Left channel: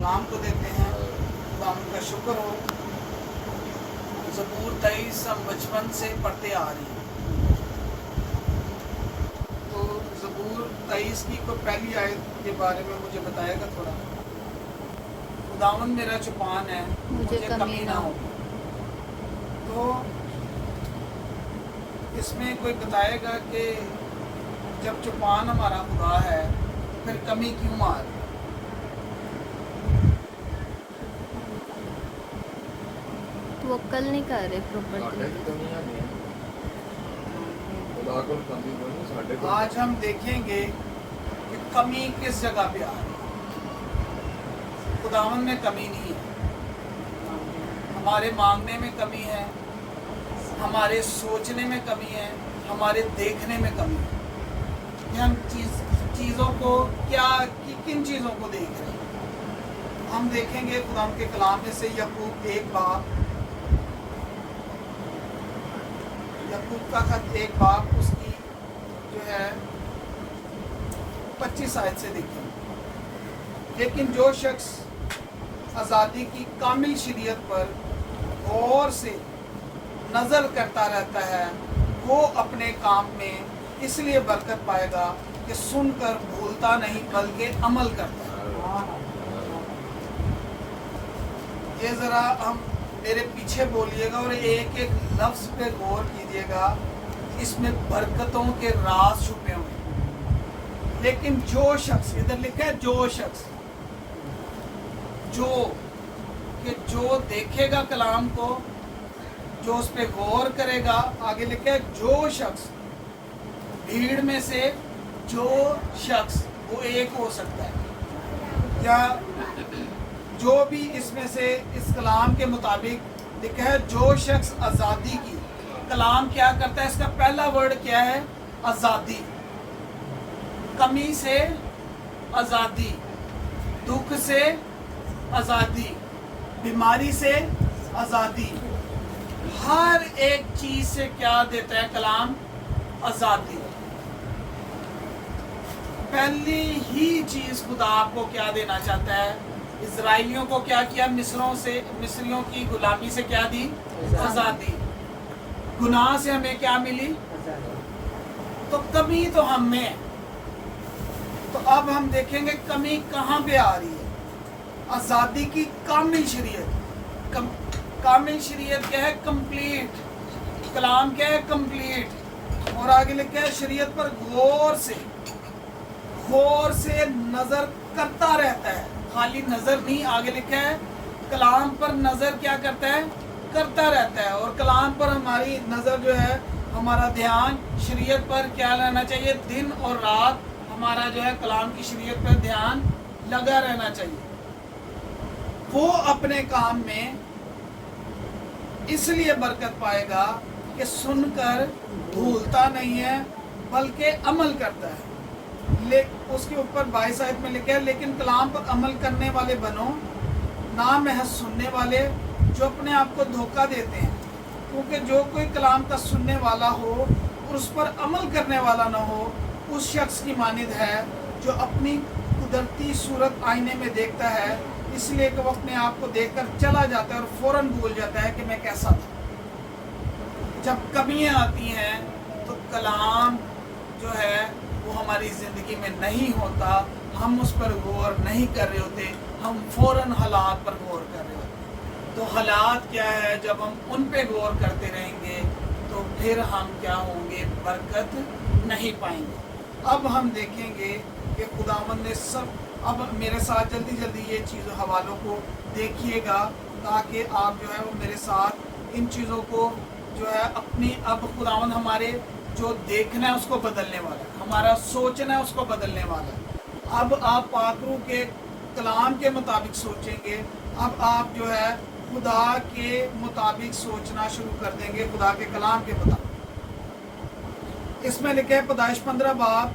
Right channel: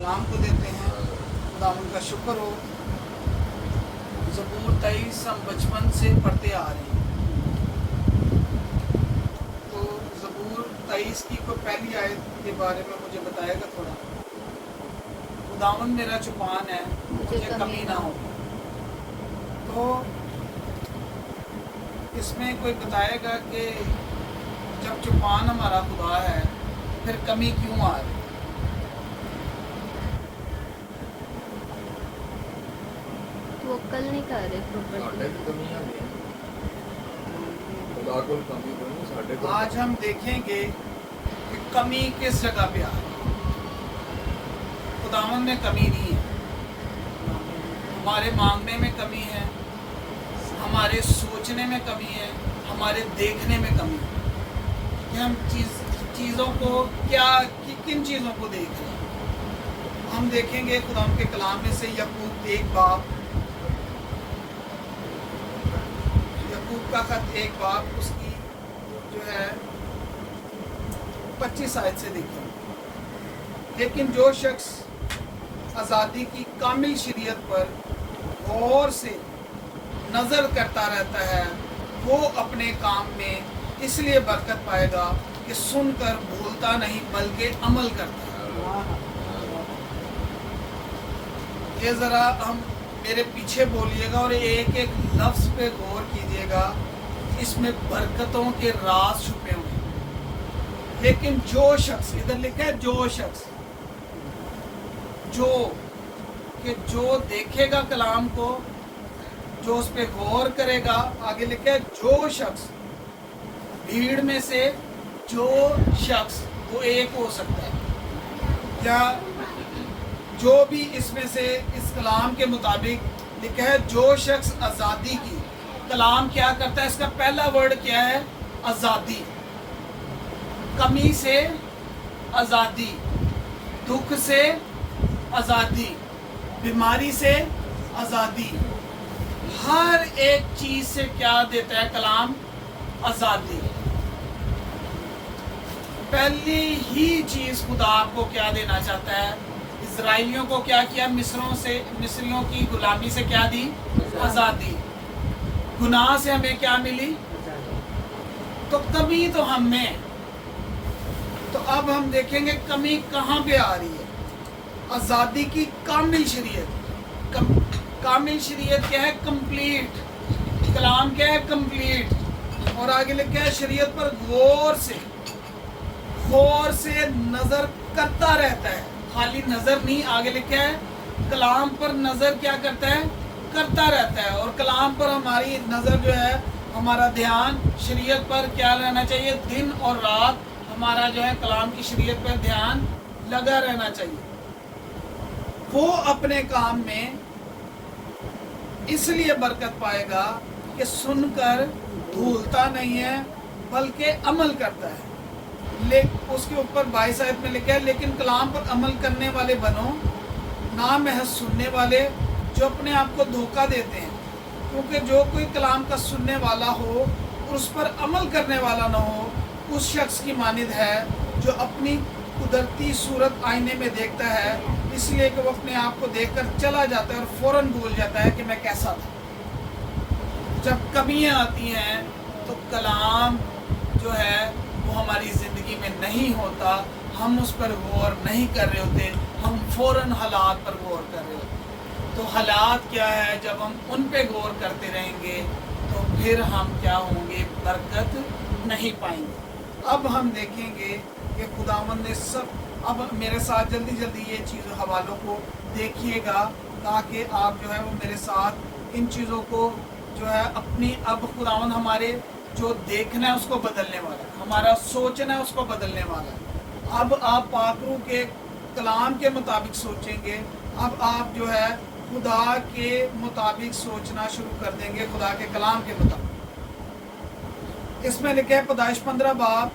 कलाम को देते हैं। खुदा उनका शुक्र हो। ज़बूर 23 हम बचपन से पढ़ते आ रहे हैं। तो ज़बूर 23 की कोई पहली आयत के बारे में मुझे बताएगा थोड़ा। खुदावंद मेरा चुपान है, मुझे कमी ना हो। तो इसमें कोई बताएगा कि जब चुपान हमारा खुदा है फिर कमी क्यों आ रही? वो कल नहीं कर रहे प्रॉपर्टी। आज हम देखेंगे कि कमी किस जगह पे आ रही है। खुदावन में कमी नहीं है, हमारे मांगने में कमी है, हमारे सोचने में कमी है, हमारे देखने में कमी है कि हम चीज़ों को किन चीज़ों को देख रहे हैं। हम देखेंगे खुदावन के कलाम में से याकूब का खत 1 बाब उसकी जो है 25 आयत से देखेंगे। लेकिन जो शख्स आज़ादी की कामिल शरीयत पर गौर से नज़र करता रहता है वो अपने काम में इसलिए बरकत पाएगा कि सुनकर भूलता नहीं बल्कि अमल करता है। ये ज़रा हम मेरे पीछे बोलिएगा और एक एक लफ्ज़ पे गौर कीजिएगा, इसमें बरकतों के राज छुपे हुए हैं। लेकिन जो शख्स, इधर लिखा है जो शख्स, जो देखेगा कलाम को, जो उस पे गौर करेगा, आगे लिखा है जो शख्स, भीड़ में से जो शख्स, वो एक हो सकता है या जो भी इसमें से इस कलाम के मुताबिक लिखा है जो शख्स आज़ादी की, कलाम क्या करता है, इसका पहला वर्ड क्या है? आज़ादी। कमी से आज़ादी, दुख से आज़ादी, बीमारी से आज़ादी, हर एक चीज़ से क्या देता है कलाम? आज़ादी। पहली ही चीज़ खुदा आपको क्या देना चाहता है? इजराइलियों को क्या किया? मिस्रियों की गुलामी से क्या दी? आज़ादी। गुनाह से हमें क्या मिली? तो कमी तो हम में। तो अब हम देखेंगे कमी कहाँ पे आ रही है। आज़ादी की कामिल शरीयत। कामिल शरीयत क्या है? कंप्लीट। कलाम क्या है? कंप्लीट। और आगे लिखा है शरीयत पर गौर से नज़र करता रहता है, खाली नज़र नहीं। आगे लिखा है कलाम पर नज़र क्या करता है? करता रहता है। और कलाम पर हमारी नज़र जो है, हमारा ध्यान शरीयत पर क्या रहना चाहिए? दिन और रात हमारा जो है कलाम की शरीयत पर ध्यान लगा रहना चाहिए। वो अपने काम में इसलिए बरकत पाएगा कि सुनकर भूलता नहीं है बल्कि अमल करता है। उसके ऊपर 22 आयत में लिखा है लेकिन कलाम पर अमल करने वाले बनो, ना महज सुनने वाले जो अपने आप को धोखा देते हैं। क्योंकि जो कोई कलाम का सुनने वाला हो और उस पर अमल करने वाला ना हो, उस शख्स की मानिद है जो अपनी कुदरती सूरत आईने में देखता है, इसलिए कि वो अपने आप को देखकर चला जाता है और फौरन भूल जाता है कि मैं कैसा था। जब कमियां आती हैं तो कलाम जो है वो हमारी ज़िंदगी में नहीं होता, हम उस पर गौर नहीं कर रहे होते, हम फ़ौरन हालात पर गौर कर रहे होते। तो हालात क्या है? जब हम उन पे गौर करते रहेंगे तो फिर हम क्या होंगे? बरकत नहीं पाएंगे। अब हम देखेंगे कि खुदावंद ने अब मेरे साथ जल्दी ये चीज़ हवालों को देखिएगा ताकि आप जो है वो मेरे साथ इन चीज़ों को जो है अपनी, अब खुदावंद हमारे जो देखना है उसको बदलने वाला है, हमारा सोचना है उसको बदलने वाला है। अब आप पाकरू के कलाम के मुताबिक सोचेंगे। अब आप जो है खुदा के मुताबिक सोचना शुरू कर देंगे, खुदा के कलाम के मुताबिक। इसमें लिखे है पैदाइश 15 बाब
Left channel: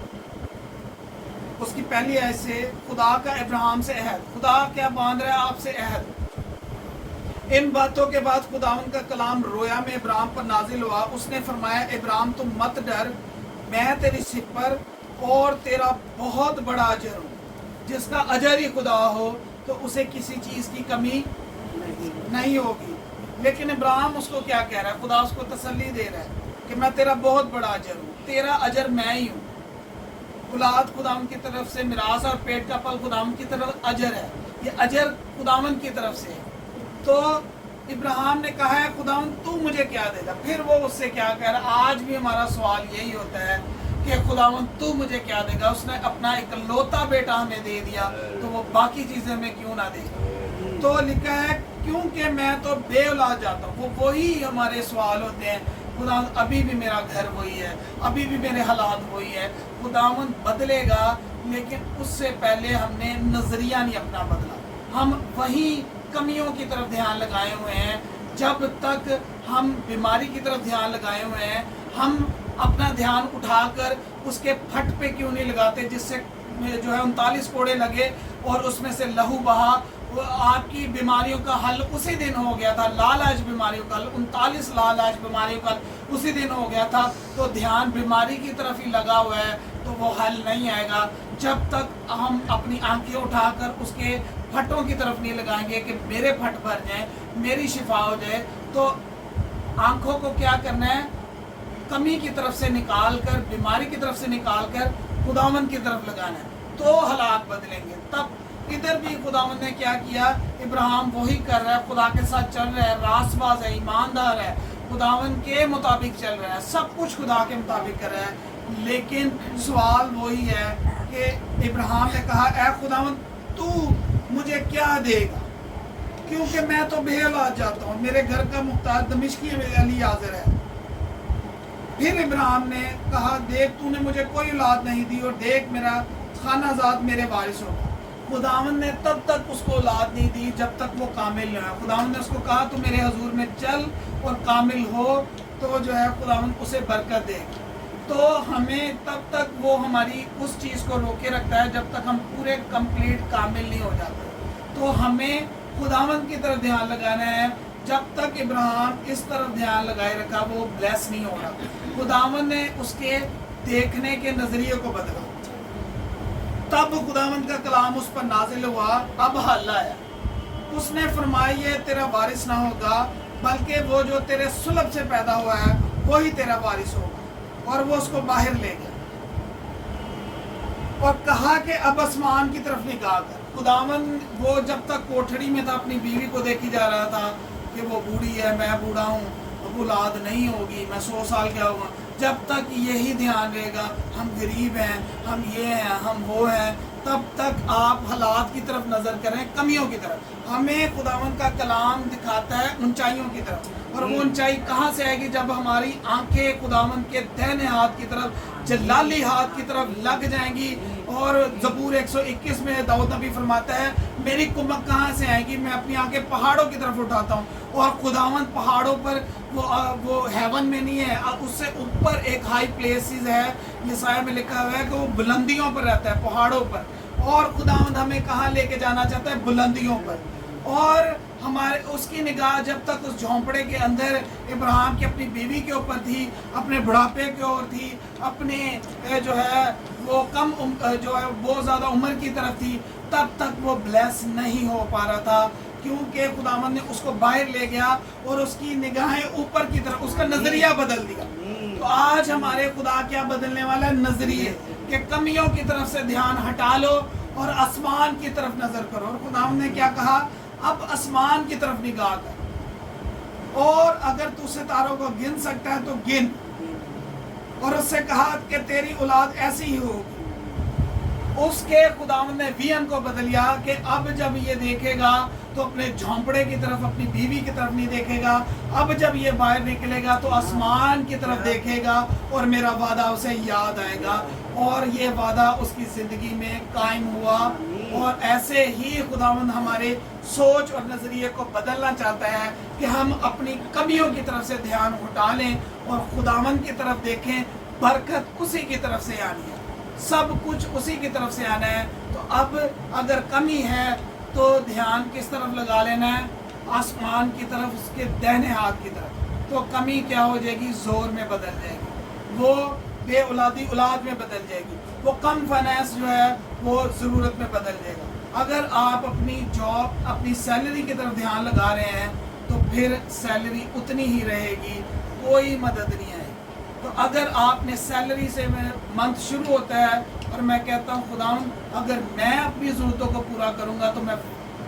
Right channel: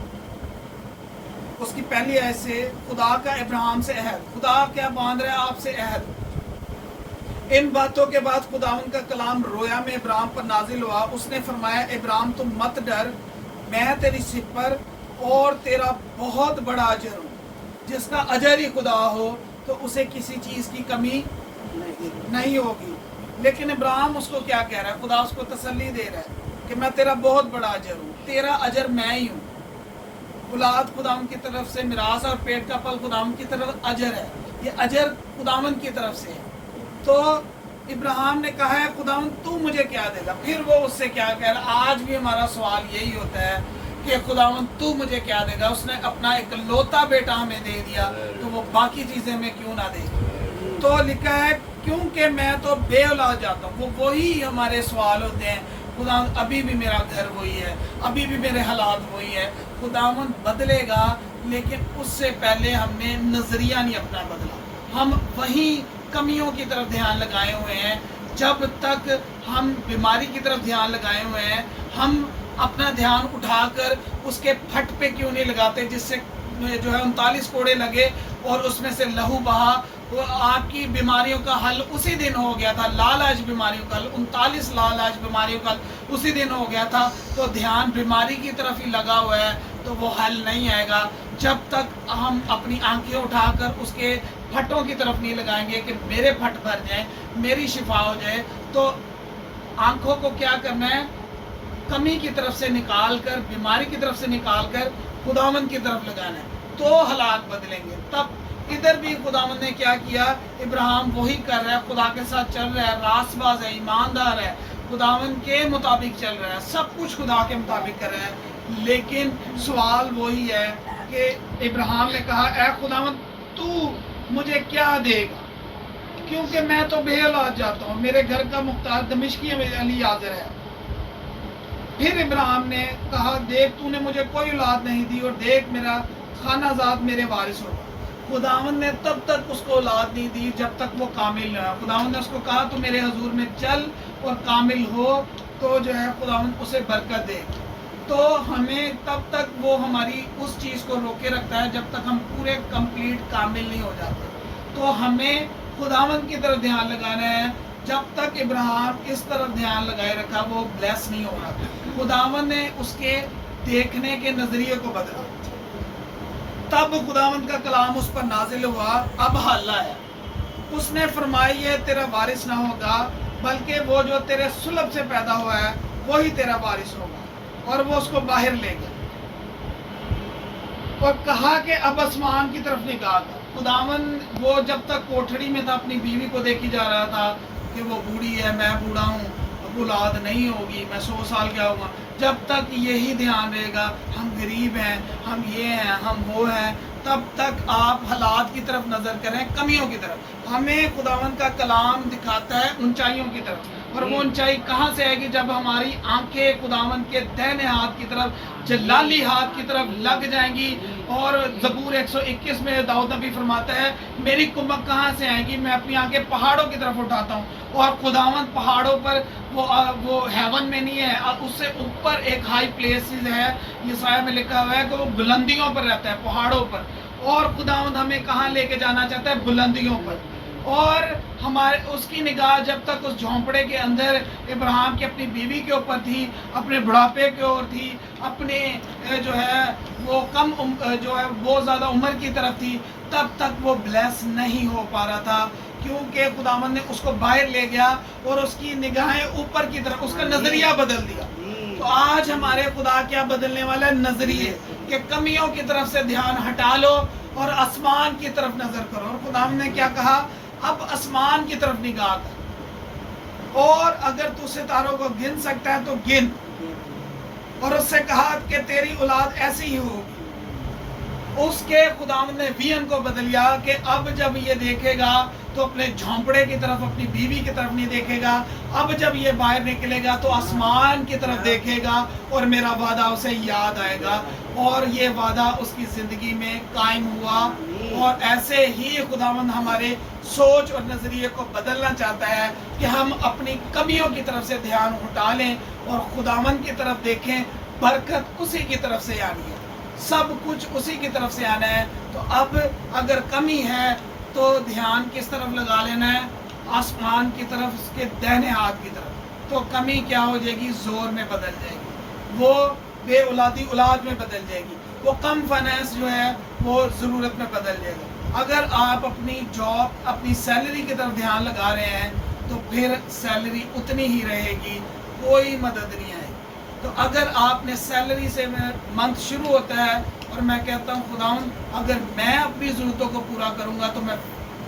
उसकी पहली आयत से, खुदा का इब्राहिम से अहद। खुदा क्या बांध रहा है? आपसे अहद। इन बातों के बाद खुदावन का कलाम रोया में इब्राहिम पर नाजिल हुआ। उसने फरमाया, इब्राहिम तुम मत डर, मैं तेरी सिपर और तेरा बहुत बड़ा अजर हूँ, जिसका अजर ही खुदा हो तो उसे किसी चीज़ की कमी नहीं होगी। लेकिन इब्राहिम उसको क्या कह रहा है, खुदा उसको तसल्ली दे रहा है कि मैं तेरा बहुत बड़ा अजर हूँ, तेरा अजर मैं ही हूँ। औलाद खुदाम की तरफ से मिरास और पेट का फल खुदाम की तरफ अजर है, ये अजर खुदावन की तरफ से है। तो इब्राहिम ने कहा है खुदावन तू मुझे क्या देगा। फिर वो उससे क्या कह रहा है, आज भी हमारा सवाल यही होता है कि खुदावन तू मुझे क्या देगा। उसने अपना इकलौता बेटा हमें दे दिया, तो वो बाकी चीज़ें हमें क्यों ना दे। तो लिखा है क्योंकि मैं तो बे औलाद जाता हूँ। वो वही हमारे सवाल होते हैं, खुदावन अभी भी मेरा घर वही है, अभी भी मेरे हालात वही है। खुदावन बदलेगा, लेकिन उससे पहले हमने नज़रिया नहीं अपना बदला। हम वही कमियों की तरफ ध्यान लगाए हुए हैं। जब तक हम बीमारी की तरफ ध्यान लगाए हुए हैं, हम अपना ध्यान उठाकर उसके फट पे क्यों नहीं लगाते जिससे जो है 39 कोड़े लगे और उसमें से लहू बहा। वो आपकी बीमारियों का हल उसी दिन हो गया था, लालाज बीमारियों का हल, 39 लालाज बीमारियों का हल उसी दिन हो गया था। तो ध्यान बीमारी की तरफ ही लगा हुआ है तो वो हल नहीं आएगा जब तक हम अपनी आंखें उठाकर उसके फटों की तरफ नहीं लगाएंगे कि मेरे फट भर जाएं, मेरी शिफा हो जाए। तो आंखों को क्या करना है, कमी की तरफ से निकाल कर, बीमारी की तरफ से निकाल कर खुदावंद की तरफ लगाना है, तो हालात बदलेंगे। तब इधर भी खुदावंद ने क्या किया, इब्राहिम वही कर रहा है, खुदा के साथ चल रहा है, रासबाज है, ईमानदार है, खुदावंद के मुताबिक चल रहा है, सब कुछ खुदा के मुताबिक कर रहा है। लेकिन सवाल वही है कि इब्राहिम ने कहा ऐ खुदावंद तू मुझे क्या देगा, क्योंकि मैं तो बेऔलाद जाता हूँ, मेरे घर का मुख्तार दमिश्की अली हाजिर है। फिर इब्राहिम ने कहा देख तूने मुझे कोई औलाद नहीं दी और देख मेरा खानाजाद मेरे वारिस होगा। खुदावंद ने तब तक उसको औलाद नहीं दी जब तक वो कामिल न है। खुदावंद ने उसको कहा तू मेरे हजूर में चल और कामिल हो तो जो है खुदावंद उसे बरकत दे। तो हमें तब तक वो हमारी उस चीज़ को रोके रखता है जब तक हम पूरे कंप्लीट कामिल नहीं हो जाते। तो हमें खुदावंद की तरफ ध्यान लगाना है। जब तक इब्राहिम इस तरफ ध्यान लगाए रखा वो ब्लेस नहीं होगा। खुदावंद ने उसके देखने के नज़रिए को बदला, तब खुदावंद का कलाम उस पर नाजिल हुआ। अब हल आया, उसने फरमाया ये तेरा वारिस ना होगा बल्कि वो जो तेरे सुलभ से पैदा हुआ है वही तेरा वारिस होगा। और वो उसको बाहर ले गया और कहा कि अब आसमान की तरफ निगाह कर। खुदावंद वो जब तक कोठड़ी में था अपनी बीवी को देखी जा रहा था कि वो बूढ़ी है, मैं बूढ़ा हूँ, औलाद नहीं होगी, मैं 100 साल का होगा। जब तक यही ध्यान रहेगा हम गरीब हैं, हम ये हैं, हम वो हैं, तब तक आप हालात की तरफ नज़र करें, कमियों की तरफ। हमें खुदावंद का कलाम दिखाता है ऊंचाइयों की तरफ। और वो ऊंचाई कहाँ से आएगी, जब हमारी आंखें खुदावंद के दाहिने हाथ की तरफ, जलाली हाथ की तरफ लग जाएंगी। और ज़बूर 121 में दाऊद नबी फरमाता है मेरी कुमक कहाँ से आएगी, मैं अपनी आंखें पहाड़ों की तरफ उठाता हूँ। और खुदावंद पहाड़ों पर वो हेवन में नहीं है, उससे ऊपर एक हाई प्लेसेस है, यशाया में लिखा हुआ है कि वो बुलंदियों पर रहता है, पहाड़ों पर। और खुदावंद हमें कहाँ लेके जाना चाहता है, बुलंदियों पर। और हमारे उसकी निगाह जब तक उस झोंपड़े के अंदर इब्राहिम की अपनी बीवी के ऊपर थी, अपने बुढ़ापे की ओर थी, अपने जो है वो कम जो है बहुत ज़्यादा उम्र की तरफ थी, तब तक वो ब्लेस नहीं हो पा रहा था, क्योंकि खुदावंद ने उसको बाहर ले गया और उसकी निगाहें ऊपर की तरफ, उसका नज़रिया बदल दिया। तो आज हमारे खुदा क्या बदलने वाला है, नज़रिए के कमियों की तरफ से ध्यान हटा लो और आसमान की तरफ नज़र करो। और खुदावंद ने क्या कहा, अब आसमान की तरफ निगाह कर और अगर तू सितारों को गिन सकता है तो गिन। और उससे कहा कि तेरी औलाद ऐसी ही होगी। उसके खुदावंद ने विजन को बदल दिया कि अब जब ये देखेगा तो अपने झोंपड़े की तरफ, अपनी बीवी की तरफ नहीं देखेगा। अब जब ये बाहर निकलेगा तो आसमान की तरफ देखेगा और मेरा वादा उसे याद आएगा। और ये वादा उसकी ज़िंदगी में कायम हुआ। और ऐसे ही खुदावंद हमारे सोच और नज़रिए को बदलना चाहता है कि हम अपनी कमियों की तरफ से ध्यान उठा लें और खुदावंद की तरफ देखें। बरकत उसी की तरफ से आनी है, सब कुछ उसी की तरफ से आना है। तो अब अगर कमी है तो ध्यान किस तरफ लगा लेना है, आसमान की तरफ, उसके दाहिने हाथ की तरफ। तो कमी क्या हो जाएगी, जोर में बदल जाएगी, वो बेऔलादी औलाद में बदल जाएगी, वो कम फाइनेंस जो है वो ज़रूरत में बदल जाएगा। अगर आप अपनी जॉब, अपनी सैलरी की तरफ ध्यान लगा रहे हैं तो फिर सैलरी उतनी ही रहेगी, कोई मदद नहीं आएगी। तो अगर आपने सैलरी से मंथ शुरू होता है और मैं कहता हूँ खुदावन अगर मैं अपनी ज़रूरतों को पूरा करूँगा तो मैं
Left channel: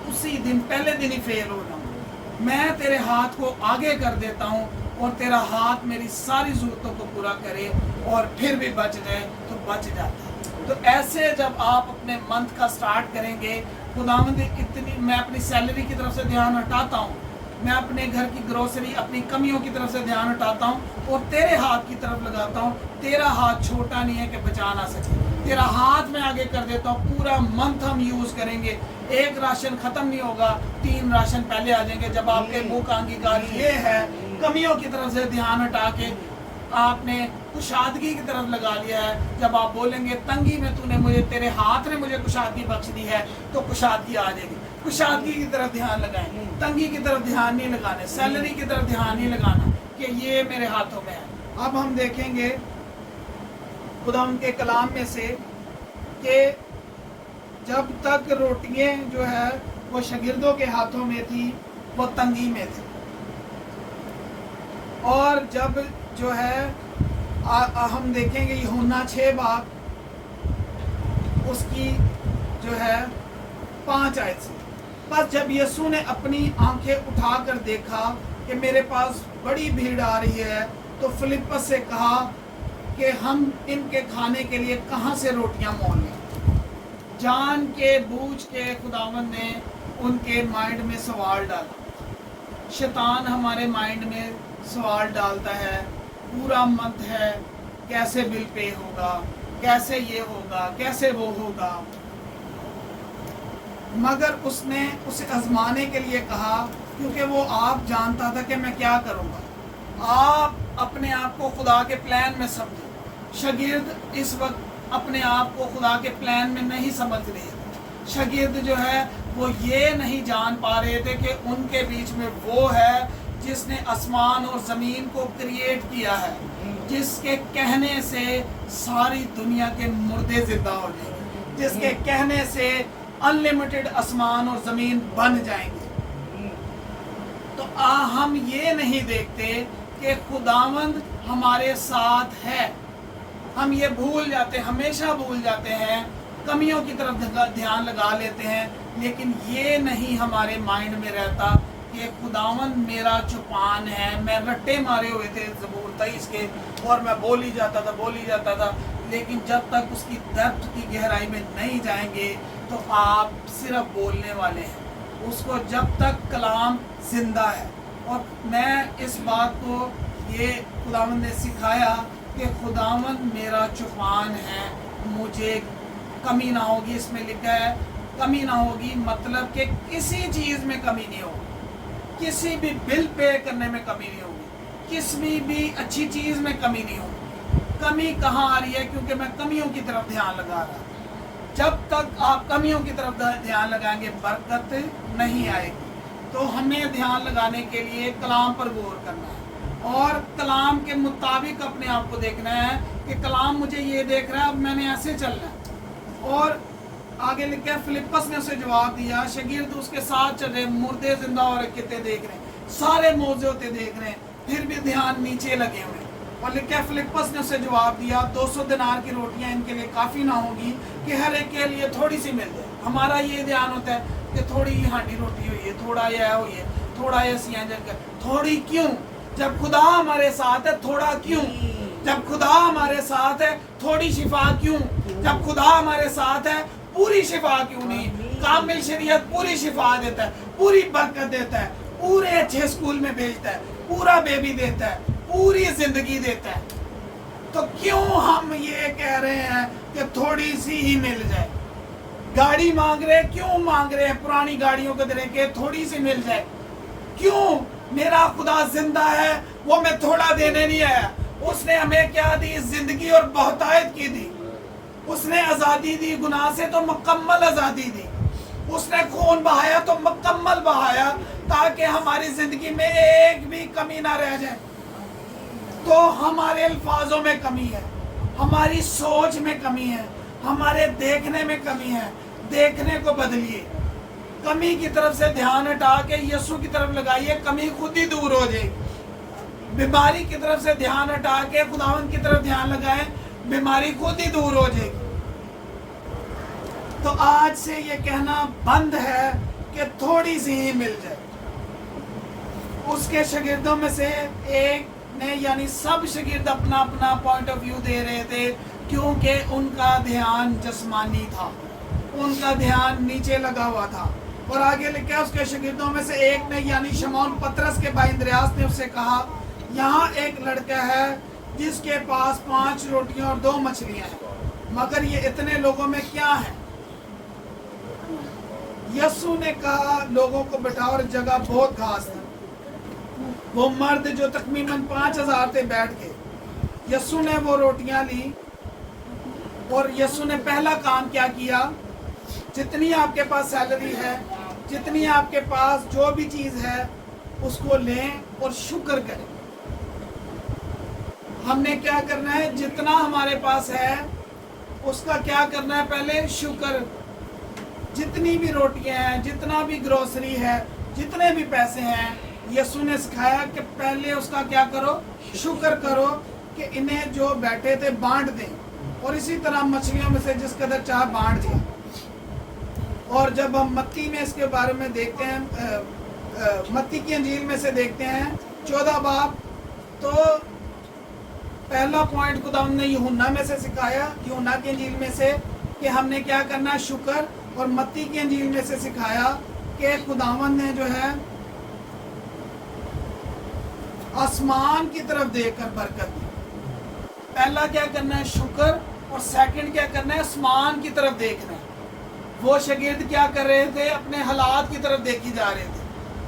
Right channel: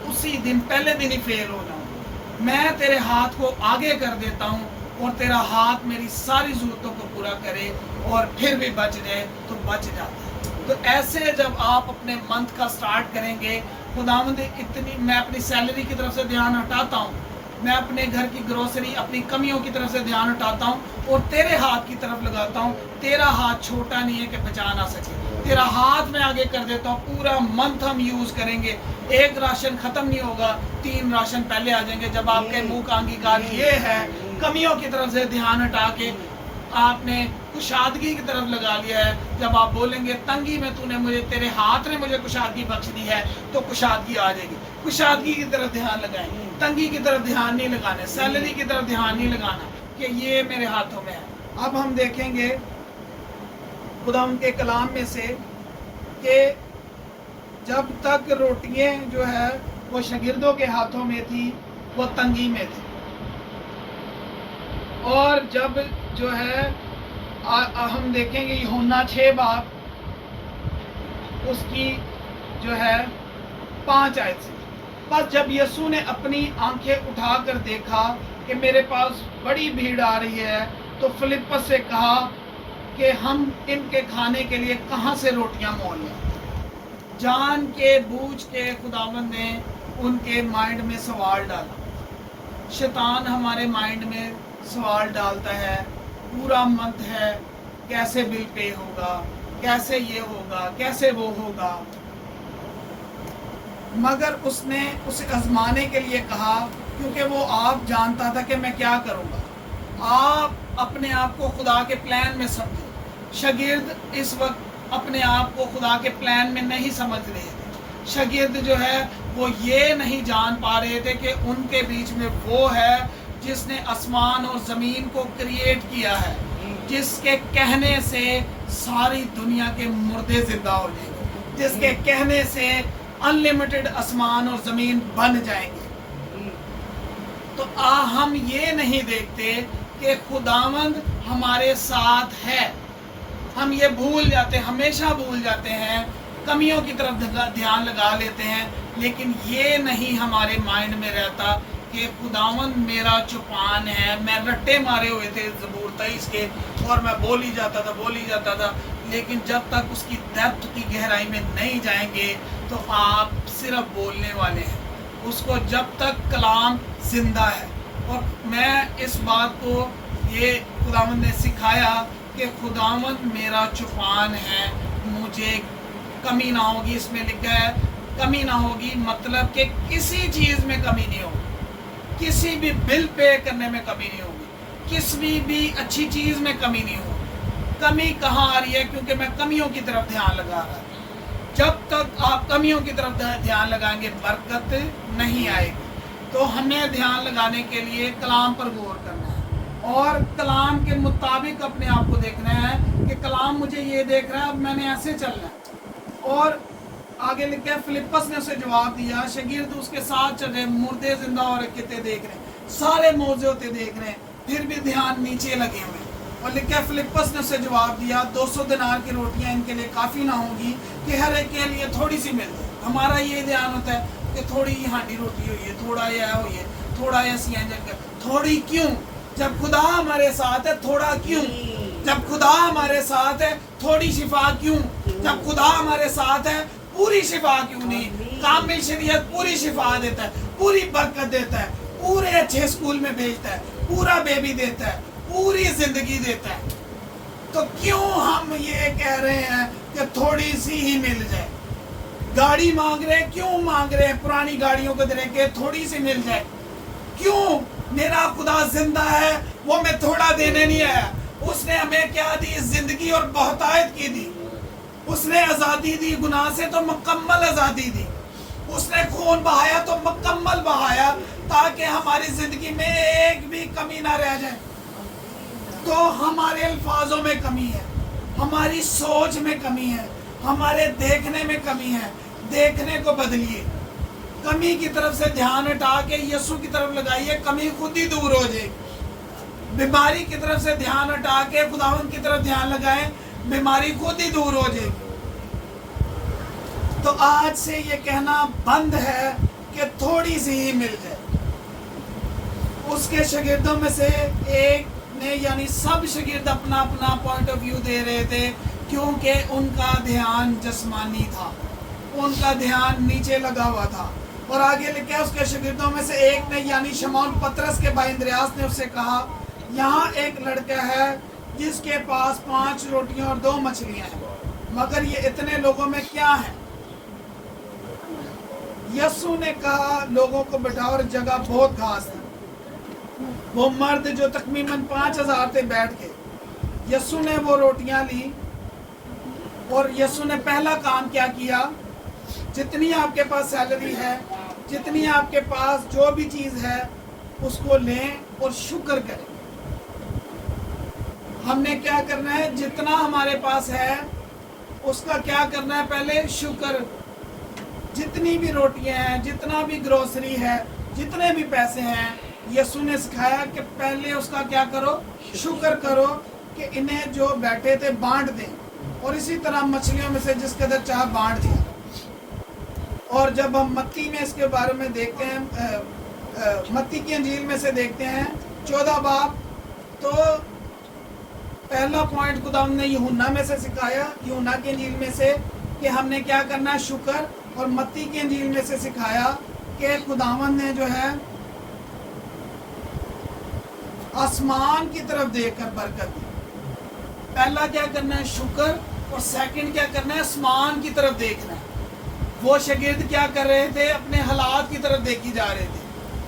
उसी दिन, पहले दिन ही फेल हो जाऊँ। मैं तेरे हाथ को आगे कर देता हूँ और तेरा हाथ मेरी सारी ज़रूरतों को पूरा करे और फिर भी बच जाए तो बच जाता है। तो ऐसे जब आप अपने मंथ का स्टार्ट करेंगे, खुदावंद इतनी, मैं अपनी सैलरी की तरफ से ध्यान हटाता हूँ, मैं अपने घर की ग्रोसरी, अपनी कमियों की तरफ से ध्यान हटाता हूँ और तेरे हाथ की तरफ लगाता हूँ। तेरा हाथ छोटा नहीं है कि बचा ना सके, तेरा हाथ मैं आगे कर देता हूँ। पूरा मंथ हम यूज़ करेंगे, एक राशन ख़त्म नहीं होगा, 3 राशन पहले आ जाएंगे। जब आपके मुंह का अंगीकार ये है, कमियों की तरफ से ध्यान हटा के आपने कुशादगी की तरफ लगा लिया है, जब आप बोलेंगे तंगी में तूने मुझे, तेरे हाथ ने मुझे कुशादगी बख्श दी है, तो कुशादगी आ जाएगी। कुशादगी की तरफ ध्यान लगाएं, तंगी की तरफ ध्यान नहीं लगाना, सैलरी की तरफ ध्यान नहीं लगाना कि ये मेरे हाथों में है। अब हम देखेंगे खुदा उनके कलाम में से कि जब तक रोटियां जो है वो शागिर्दों के हाथों में थी, वो तंगी में थी, और जब जो है हम देखेंगे यूहन्ना 6 बाब उसकी जो है 5 आयत से, बस जब यीशु ने अपनी आंखें उठाकर देखा कि मेरे पास बड़ी भीड़ आ रही है, तो फिलिप्पस से कहा कि हम इनके खाने के लिए कहाँ से रोटियां मोल लें। जान के बूझ के खुदावंद ने उनके माइंड में सवाल डाला। शैतान हमारे माइंड में सवाल डालता है, पूरा मंथ है, कैसे बिल पे होगा, कैसे ये होगा, कैसे वो होगा, मगर उसने उसे आजमाने के लिए कहा, क्योंकि वो आप जानता था कि मैं क्या करूँगा। आप अपने आप को खुदा के प्लान में समझे। शागिर्द इस वक्त अपने आप को खुदा के प्लान में नहीं समझ रहे थे। शागिर्द जो है वो ये नहीं जान पा रहे थे कि उनके बीच में वो है जिसने आसमान और ज़मीन को क्रिएट किया है, जिसके कहने से सारी दुनिया के मुर्दे जिंदा हो जाएंगे, जिसके कहने से अनलिमिटेड आसमान और ज़मीन बन जाएंगे। तो हम ये नहीं देखते कि खुदावंद हमारे साथ है। हम ये भूल जाते, हमेशा भूल जाते हैं, कमियों की तरफ ध्यान लगा लेते हैं, लेकिन ये नहीं हमारे माइंड में रहता कि खुदावंद मेरा चुपान है। मैं रट्टे मारे हुए थे ज़बूर 23 के और मैं बोल ही जाता था, लेकिन जब तक उसकी डेप्थ की गहराई में नहीं जाएंगे तो आप सिर्फ बोलने वाले हैं। उसको जब तक कलाम जिंदा है, और मैं इस बात को ये खुदावंद ने सिखाया कि खुदावंद मेरा चुपान है, मुझे कमी ना होगी। इसमें लिखा है कमी ना होगी, मतलब कि किसी चीज़ में कमी नहीं होगी, किसी भी बिल पे करने में कमी नहीं होगी, किसी भी अच्छी चीज़ में कमी नहीं होगी। कमी कहाँ आ रही है? क्योंकि मैं कमियों की तरफ ध्यान लगा रहा था। जब तक आप कमियों की तरफ ध्यान लगाएंगे बरकत नहीं आएगी। तो हमें ध्यान लगाने के लिए कलाम पर गौर करना है और कलाम के मुताबिक अपने आप को देखना है कि कलाम मुझे ये देख रहा है, अब मैंने ऐसे चलना है। और आगे लिखा है फिलिप्पस ने उसे जवाब दिया, शागिर्द उसके साथ चल रहे, मुर्दे जिंदा और कितने देख रहे हैं, सारे मौजे होते देख रहे हैं, फिर भी ध्यान नीचे लगे हुए। और लिखा है फिलिप्पस ने उसे जवाब दिया, 200 दिनार की रोटियां इनके लिए काफ़ी ना होगी कि हर एक के लिए थोड़ी सी मिल जाए। हमारा ये ध्यान होता है कि थोड़ी हांडी रोटी हुई है, थोड़ा यह हुई है, थोड़ा यह सियाँ जगह, थोड़ी क्यों? जब खुदा हमारे साथ है थोड़ा क्यों? जब खुदा हमारे साथ है थोड़ी शिफा क्यों? जब खुदा हमारे साथ है पूरी शिफा क्यों नहीं? कामिल शरीयत पूरी शिफा देता है, पूरी बरकत देता है, पूरे अच्छे स्कूल में भेजता है, पूरा बेबी देता है, पूरी जिंदगी देता है। तो क्यों हम ये कह रहे हैं कि थोड़ी सी ही मिल जाए? गाड़ी मांग रहे, क्यों मांग रहे हैं? पुरानी गाड़ियों को दे के थोड़ी सी मिल जाए क्यों? मेरा खुदा जिंदा है, वो मैं थोड़ा देने नहीं आया। उसने हमें क्या दी? जिंदगी और बहुतायत की दी। उसने आज़ादी दी, गुनाह से तो मुकम्मल आज़ादी दी। उसने खून बहाया तो मुकम्मल बहाया, ताकि हमारी जिंदगी में एक भी कमी ना रह जाए। तो हमारे अल्फाजों में कमी है, हमारी सोच में कमी है, हमारे देखने में कमी है, देखने को बदलिए, कमी की तरफ से ध्यान हटा के यीशु की तरफ लगाइए, कमी खुद ही दूर हो जाएगी। बीमारी की तरफ से ध्यान हटा के खुदावंद की तरफ ध्यान लगाएं, बीमारी खुद ही दूर हो जाएगी। तो आज से ये कहना बंद है कि थोड़ी सी ही मिल जाए। उसके शागिर्दों में से एक ने, यानी सब शागिर्द अपना अपना पॉइंट ऑफ व्यू दे रहे थे, क्योंकि उनका ध्यान जिस्मानी था, उनका ध्यान नीचे लगा हुआ था। और आगे लिखा, उसके शागिर्दों में से एक ने, यानी शमौन पतरस के भाई इंद्रियास ने उससे कहा, यहाँ एक लड़का है जिसके पास 5 रोटियां और 2 मछलियां हैं, मगर ये इतने लोगों में क्या है? यीशु ने कहा, लोगों को बिठाओ, और जगह बहुत खास थी। वो मर्द जो तकरीबन 5000 थे बैठ के, यीशु ने वो रोटियां ली और यीशु ने पहला काम क्या किया? जितनी आपके पास सैलरी है, जितनी आपके पास जो भी चीज है, उसको लें और शुक्र करें। हमने क्या करना है? जितना हमारे पास है उसका क्या करना है? पहले शुक्र। जितनी भी रोटियां हैं, जितना भी ग्रोसरी है, जितने भी पैसे हैं, यीशु ने सिखाया कि पहले उसका क्या करो? शुक्र करो कि इन्हें जो बैठे थे बांट दें, और इसी तरह मछलियों में से जिस कदर चाह बांट दिया। और जब हम मत्ती में इसके बारे में देखते हैं, मत्ती की अंजील में से देखते हैं 14 बाब, तो पहला पॉइंट खुदावंद ने यूहन्ना में से सिखाया, यूहन्ना की अंजील में से, कि हमने क्या करना है? शुक्र। और मत्ती की अंजील में से सिखाया कि खुदावंद ने जो है आसमान की तरफ देखकर बरकत दी। पहला क्या करना है? शुक्र। और सेकंड क्या करना है? आसमान की तरफ देखना है। वो शागिर्द क्या कर रहे थे? अपने हालात की तरफ देखी जा रहे थे,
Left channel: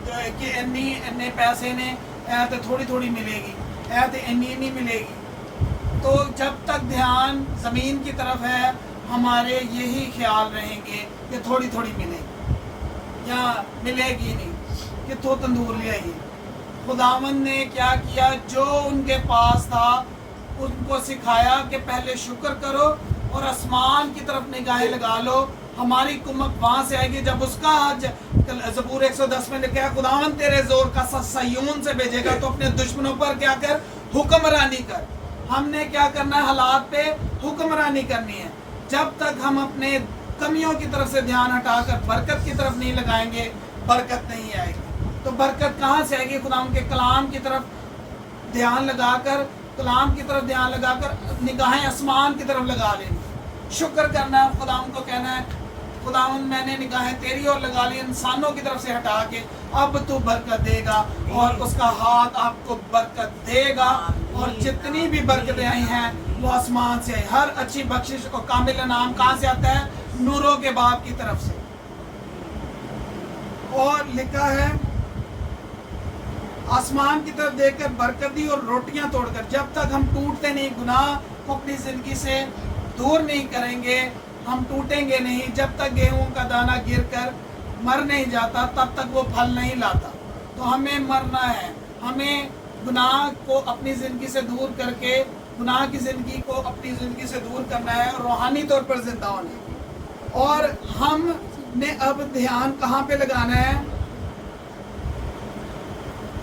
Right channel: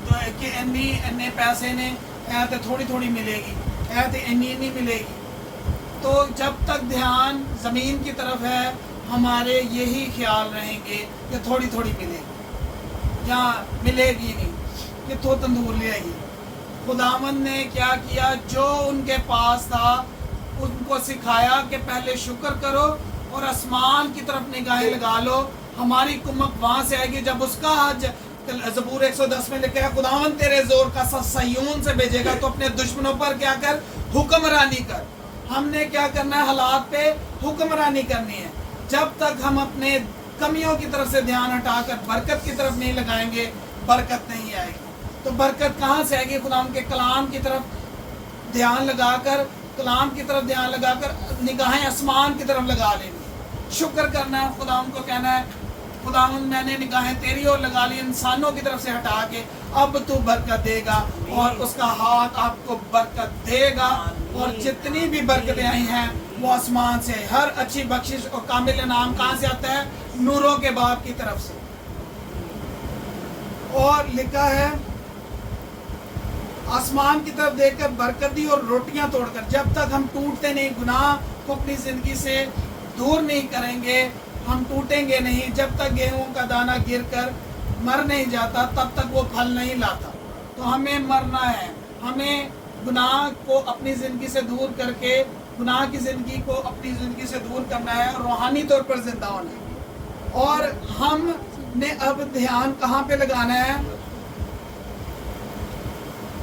तो कि इन्ने पैसे ने तो थोड़ी थोड़ी मिलेगी, तो इन्नी नहीं मिलेगी। तो जब तक ध्यान ज़मीन की तरफ है, हमारे यही ख्याल रहेंगे कि थोड़ी थोड़ी मिलेगी या मिलेगी नहीं, कि तो तंदूर ले आएगी। खुदावंद ने क्या किया? जो उनके पास था उनको सिखाया कि पहले शुक्र करो और आसमान की तरफ निगाहें लगा लो। हमारी कुमक वहां से आएगी जब उसका ज़बूर 110 में लिखा है, खुदावंद तेरे जोर का सय्यून से भेजेगा, तो अपने दुश्मनों पर क्या कर? हुक्मरानी कर। हमने क्या करना है? हालात पे हुक्मरानी करनी है। जब तक हम अपने कमियों की तरफ से ध्यान हटाकर बरकत की तरफ नहीं लगाएंगे, बरकत नहीं आएगी। तो बरकत कहाँ से आएगी? खुदावंद के कलाम की तरफ ध्यान लगाकर, कलाम की तरफ ध्यान लगाकर निगाहें आसमान की तरफ लगा लेनी, शुक्र करना है। खुदावंद को कहना है, खुदावंद मैंने निगाहें तेरी ओर लगा ली, इंसानों की तरफ से हटा के, अब तू बरकत देगा, और उसका हाथ आपको बरकत देगा। और जितनी भी बरकतें आई हैं वो आसमान से। हर अच्छी बख्शिश और कामिल इनाम कहाँ से आता है? नूरों के बाप की तरफ से। और लिखा है, आसमान की तरफ देखकर बरकत दी और रोटियां तोड़कर। जब तक हम टूटते नहीं, गुनाह को अपनी जिंदगी से दूर नहीं करेंगे, हम टूटेंगे नहीं। जब तक गेहूं का दाना गिरकर मर नहीं जाता, तब तक वो फल नहीं लाता। तो हमें मरना है, हमें गुनाह को अपनी जिंदगी से दूर करके, गुनाह की जिंदगी को अपनी जिंदगी से दूर करना है और रूहानी तौर पर जिंदा होना है। और हमने अब ध्यान कहाँ पे लगाना है?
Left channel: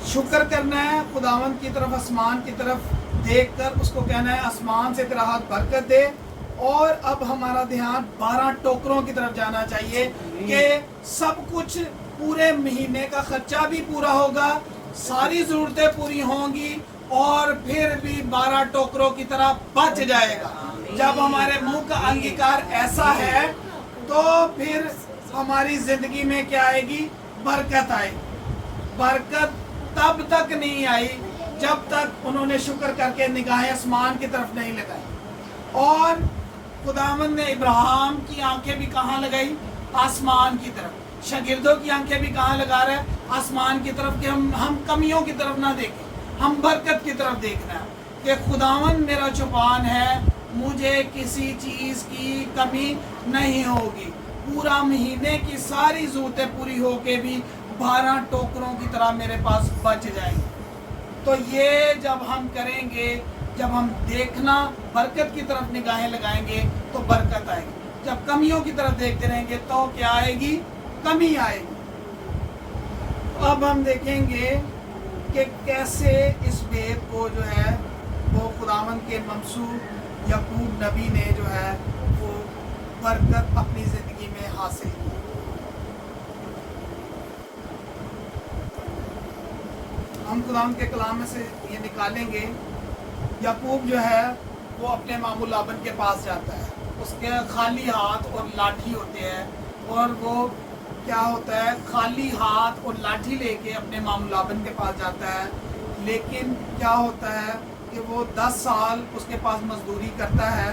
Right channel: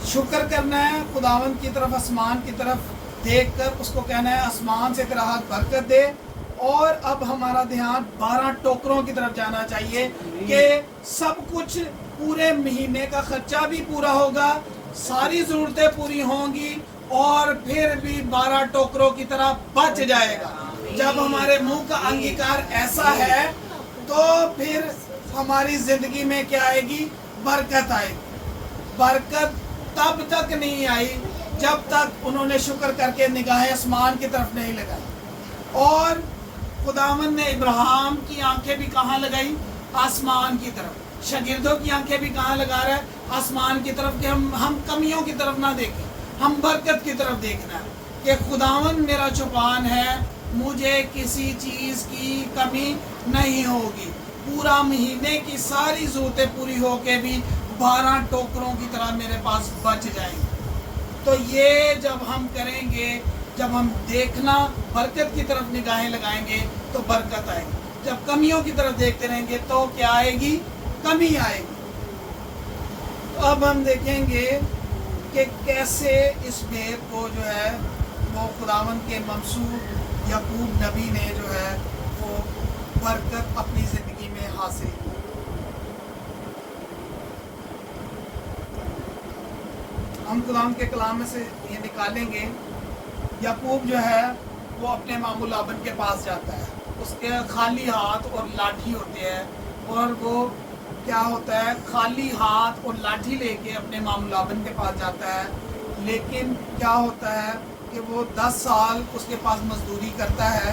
शुक्र करना है, खुदावंद की तरफ, आसमान की तरफ देखकर उसको कहना है, आसमान से तेरा हाथ बरकत दे। और अब हमारा ध्यान 12 टोकरों की तरफ जाना चाहिए कि सब कुछ, पूरे महीने का खर्चा भी पूरा होगा, सारी जरूरतें पूरी होंगी, और फिर भी 12 टोकरों की तरह बच जाएगा। जब हमारे मुंह का अंगीकार ऐसा है, तो फिर हमारी जिंदगी में क्या आएगी? बरकत आएगी। बरकत तब तक नहीं आई जब तक उन्होंने शुक्र करके निगाहें आसमान की तरफ नहीं लगाई। और खुदावंद ने इब्राहिम की आंखें भी कहाँ लगाई? आसमान की तरफ। शागिर्दों की आंखें भी कहाँ लगा रहे हैं? आसमान की तरफ, कि हम कमियों की तरफ ना देखें, हम बरकत की तरफ देखना है कि खुदावंद मेरा चौपान है, मुझे किसी चीज़ की कमी नहीं होगी। पूरा महीने की सारी ज़रूरतें पूरी होके भी 12 टोकरों की तरह मेरे पास बच जाएंगे। तो ये जब हम करेंगे, जब हम देखना, बरकत की तरफ निगाहें लगाएंगे, तो बरकत आएगी। जब कमियों की तरफ देखते रहेंगे तो क्या आएगी? कमी आएगी। तो अब हम देखेंगे कि कैसे इस भेद को जो है वो खुदावंद के मंसूब याकूब नबी ने जो है वो बरकत अपनी ज़िंदगी में हासिल की। हम खुदावंद के कलाम में से ये निकालेंगे, याकूब जो है वो अपने मामू लाबन के पास जाता है, उसके खाली हाथ और लाठी होते हैं, और वो क्या होता है, खाली हाथ और लाठी लेके अपने मामू लाबन के पास जाता है। लेकिन क्या होता है कि वो 10 साल उसके पास मजदूरी करता है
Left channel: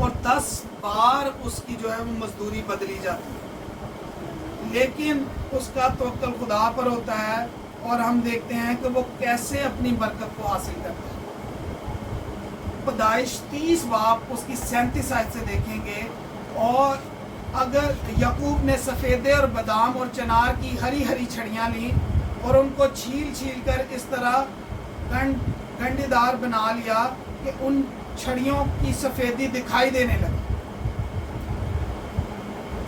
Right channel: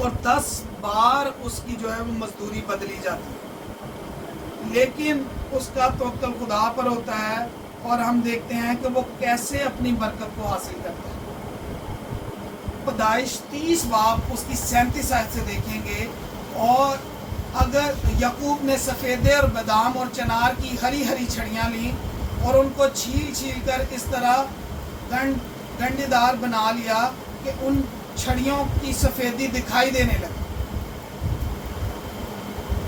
और 10 बार उसकी जो है वो मजदूरी बदली जाती है, लेकिन उसका तवक्कुल खुदा पर होता है। और हम देखते हैं कि वो कैसे अपनी बरकत को हासिल करता है। पैदाइश 30 बाब उसकी 37 आयत से देखेंगे, और अगर याकूब ने सफ़ेदे और बादाम और चनार की हरी हरी छड़ियाँ ली और उनको छील छील कर इस तरह गंडेदार बना लिया कि उन छड़ियों की सफ़ेदी दिखाई देने लगी।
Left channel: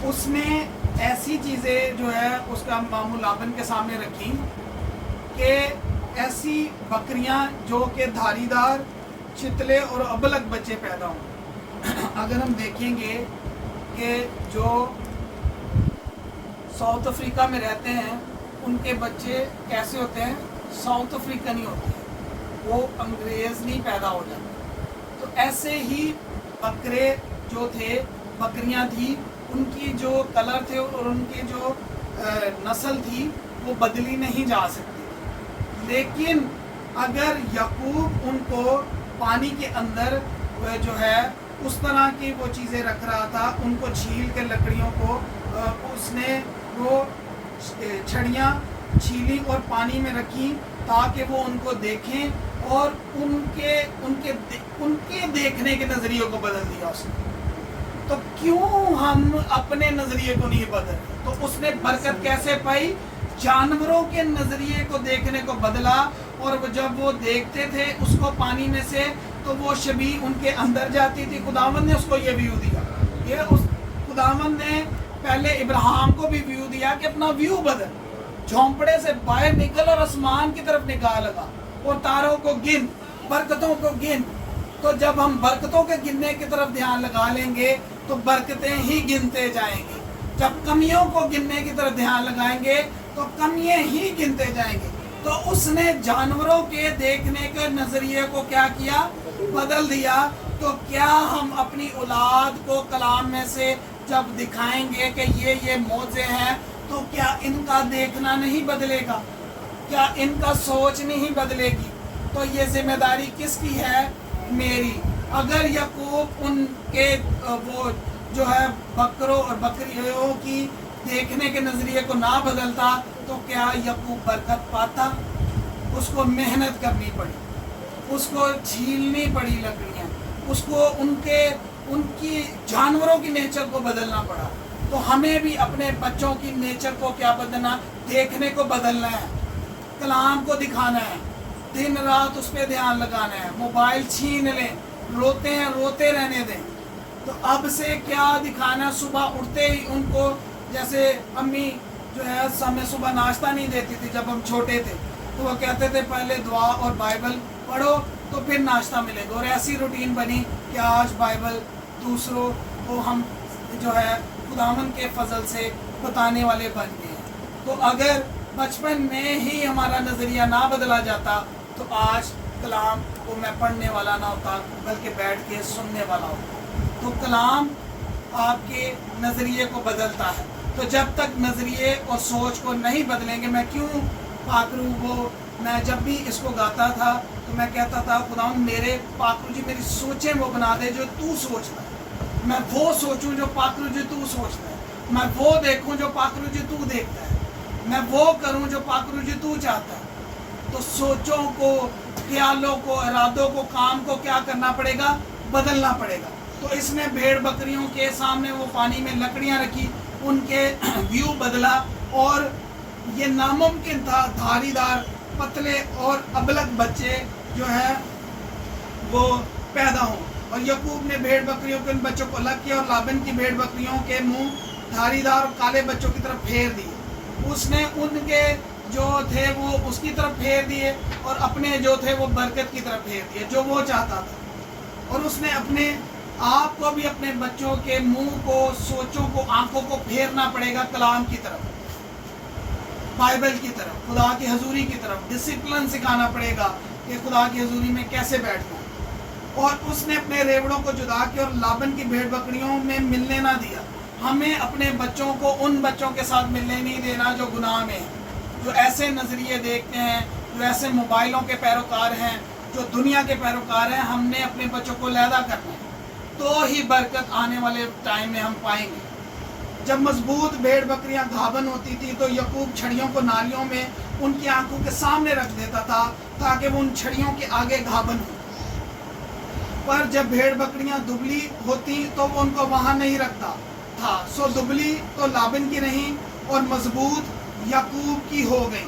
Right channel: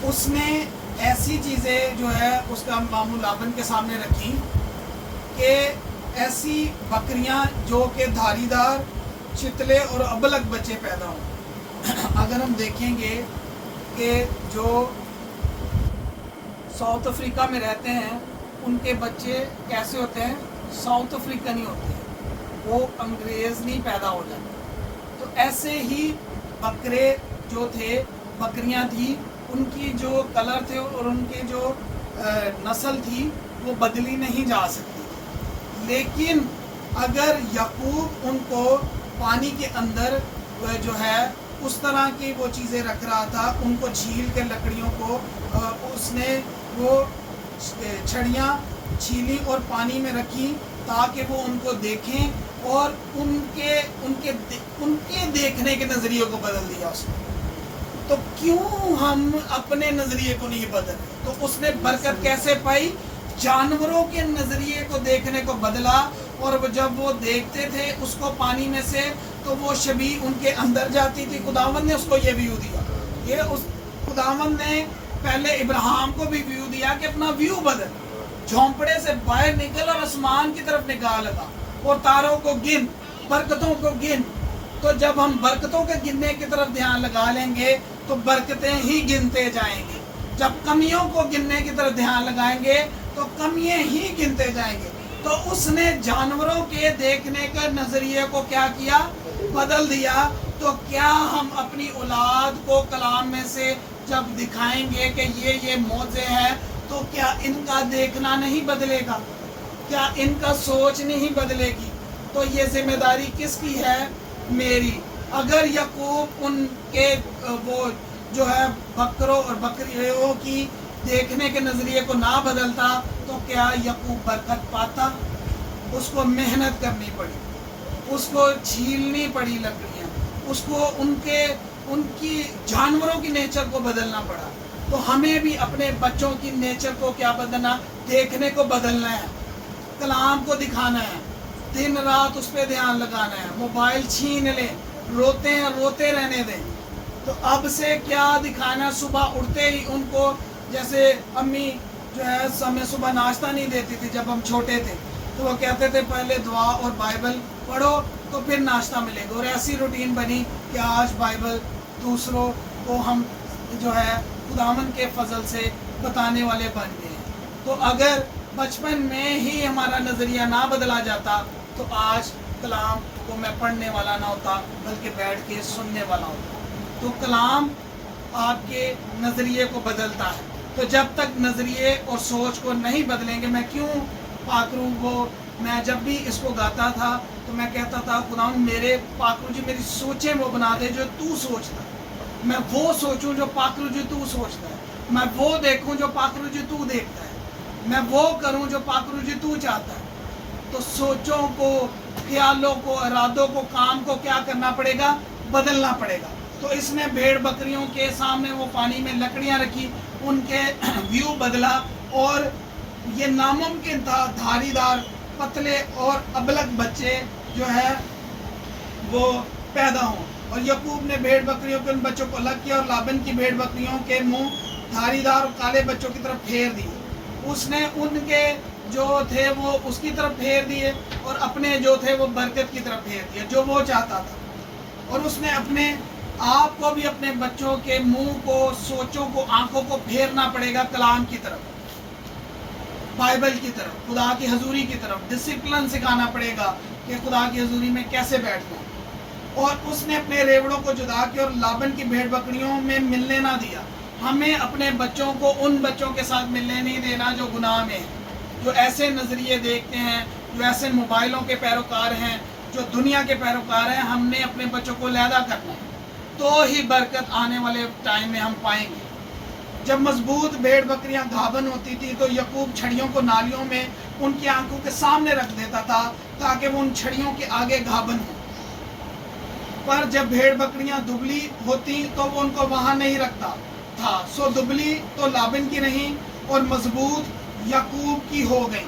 उसने ऐसी चीज़ें जो है उसका मामू लाबन के सामने रखी कि ऐसी बकरियां जो कि धारीदार, चितले और अबलग बच्चे पैदा हों। अगर हम देखेंगे कि जो साउथ अफ्रीका में रहते हैं उनके बच्चे कैसे होते हैं, साउथ अफ्रीकन ही होते हैं, वो अंग्रेज़ नहीं पैदा हो जाते। तो ऐसे ही बकरे जो थे, बकरियां थी, उनकी जो कलर थे और उनके जो नस्ल थी वो बदली नहीं जा सकती। लेकिन अगर याकूब उनको पानी के अंदर जो है उस तरह की वो चीज़ें रख रहा था, उनको छील के लकड़ियों को उसने वो छड़ियाँ छीली और पानी में रखी ताकि वो उनको देखें और उनके देखने के नज़रिए को बदल दिया उसने। तो क्यों हम अपने नज़रिए को नहीं बदल? तो उसने बरकत कैसे पाई? जानवरों के नज़रिए को देखने को बदला, और जब वो देखते थे उसको पानी में से तो वो शबी उनके अंदर जाती थी। खुदावंद ने उसको ये व्यू दिया, ये उस खुदावंद ने पहले इब्राहिम को भी व्यू दिया कि अपना व्यू बदल, झोंपड़े से बाहर निकल और आसमान की तरफ निगाह लगा और तारों को गिन, बरकतों को गिन। तो जब हम बरकतों के गिनने की तरफ ध्यान लगा लेंगे तो बरकतें ही गिनते जाएंगे। जब कमियों को गिनने की तरफ ध्यान लगाएंगे तो कमियां ही गिनते जाएंगे। तो उसने जानवरों के देखने के नज़रिए को क्या किया? बदल दिया। तो क्या हम अपनी औलाद को कलाम में से जब दिखाएंगे कि ये मौजे हैं, तो क्या इनका देखना नहीं बदलेगा? क्या इनका सोच नहीं बदलेगी? तो ये जिम्मेदारी किसकी है? मेरी। अगर याकूब उनके वो जो है बकरों और बकरियों की देखने के नज़रिए को ना बदलता तो क्या याकूब बरकत पाता? उसको मेहनत करनी पड़ी, उसको छीलनी पड़ी लकड़ियाँ, उसको उनकी जानवरों की नेचर को बदलना पड़ा। तो हमें भी अपने बच्चों की नेचर को क्या बदलना? देखने को बदलना है, कलाम को दिखाना है, दिन रात उस पर ध्यान लगाना है। मोबाइल छीन लें, रोते हैं रोते रहने दें। तो अब से क्या दिखाना? सुबह उठते ही उनको, जैसे अम्मी जो है समय सुबह नाश्ता नहीं देती थी जब हम छोटे थे, तो वो कहते थे पहले दुआ और बाइबल पढ़ो तो फिर नाश्ता मिलेगा। और ऐसी रूटीन बनी कि आज बाइबल दूसरों को हम जो है खुदावंद के फजल से बताने वाले बन गए हैं। तो अगर बचपन में ही हमारा नज़रिया ना बदला जाता तो आज कलाम को मैं पढ़ने वाला ना होता, बल्कि बैठ के सुनने वाला होता। तो कलाम आपके नज़रिए को बदलता है। तो जब तक नज़रिए और सोच को नहीं बदलेंगे, मैं क्यों पाकरू वो, मैं जब भी इसको गाता था तो मैं कहता था खुदावंद मेरे पाकरू जी मेरी सोचें वो बना दे जो तू सोचता है, मैं वो सोचूं जो पाकरू जी तू सोचता है, मैं वो देखूं जो पाकरू जी तू देखता है, मैं वो करूं जो पाकरू जी तू चाहता है। तो सोचों को, ख्यालों को, इरादों को, काम को क्या करना पड़ेगा? बदलना पड़ेगा। तो इसने भेड़ बकरियों के सामने वो पानी में लकड़ियां रखी, उनके व्यू बदला, और ये नामुमकिन था धारीदार, पतले और अबलग बच्चे जो है वो पैदा हों। اور یعقوب نے بھیڑ بکریوں کے ان بچوں کو الگ کیا اور لابن کی بھیڑ بکریوں کے منہ دھاریدار اور کالے بچوں کی طرف پھیر دیے. اس نے ان کے جو تھے وہ اس کی طرف پھیر دیے اور اپنے جو تھے وہ برکت کی طرف پھیر دیے جو وہ چاہتا تھا. اور اس نے اپنے آپ کو بھی اپنے بچوں کے منہ کو, سوچوں کو, آنکھوں کو پھیرنا پڑے گا کلام کی طرف, بائبل کی طرف, خدا کی حضوری کی طرف. ڈسپلن سکھانا پڑے گا کہ خدا کی حضوری میں کیسے بیٹھنا. اور اس نے اپنے ریوڑوں کو جدا کیا اور لابن کی بھیڑ بکریوں میں ملنے نہ دیا. ہمیں اپنے بچوں کو ان بچوں کے ساتھ ملنے نہیں دینا جو گناہ میں ہیں, جو ایسے نظریے دیکھتے ہیں, جو ایسے موبائلوں کے پیروکار ہیں, جو دنیا کے پیروکار ہیں. ہم نے اپنے بچوں کو علیحدہ کرنا ہے, تو ہی برکت آنے والے ٹائم میں ہم پائیں گے. جب مضبوط بھیڑ بکریاں گھابن ہوتی تھی تو یعقوب چھڑیوں کو نالیوں میں ان کی آنکھوں کے سامنے رکھ دیتا تھا تاکہ وہ ان چھڑیوں کے آگے گھابن ہو. پر جب بھیڑ بکریاں دبلی ہوتی تو وہ ان کو وہاں نہیں رکھتا تھا. سو دبلی تو لابن کی نہیں اور مضبوط یعقوب کی ہو گئی.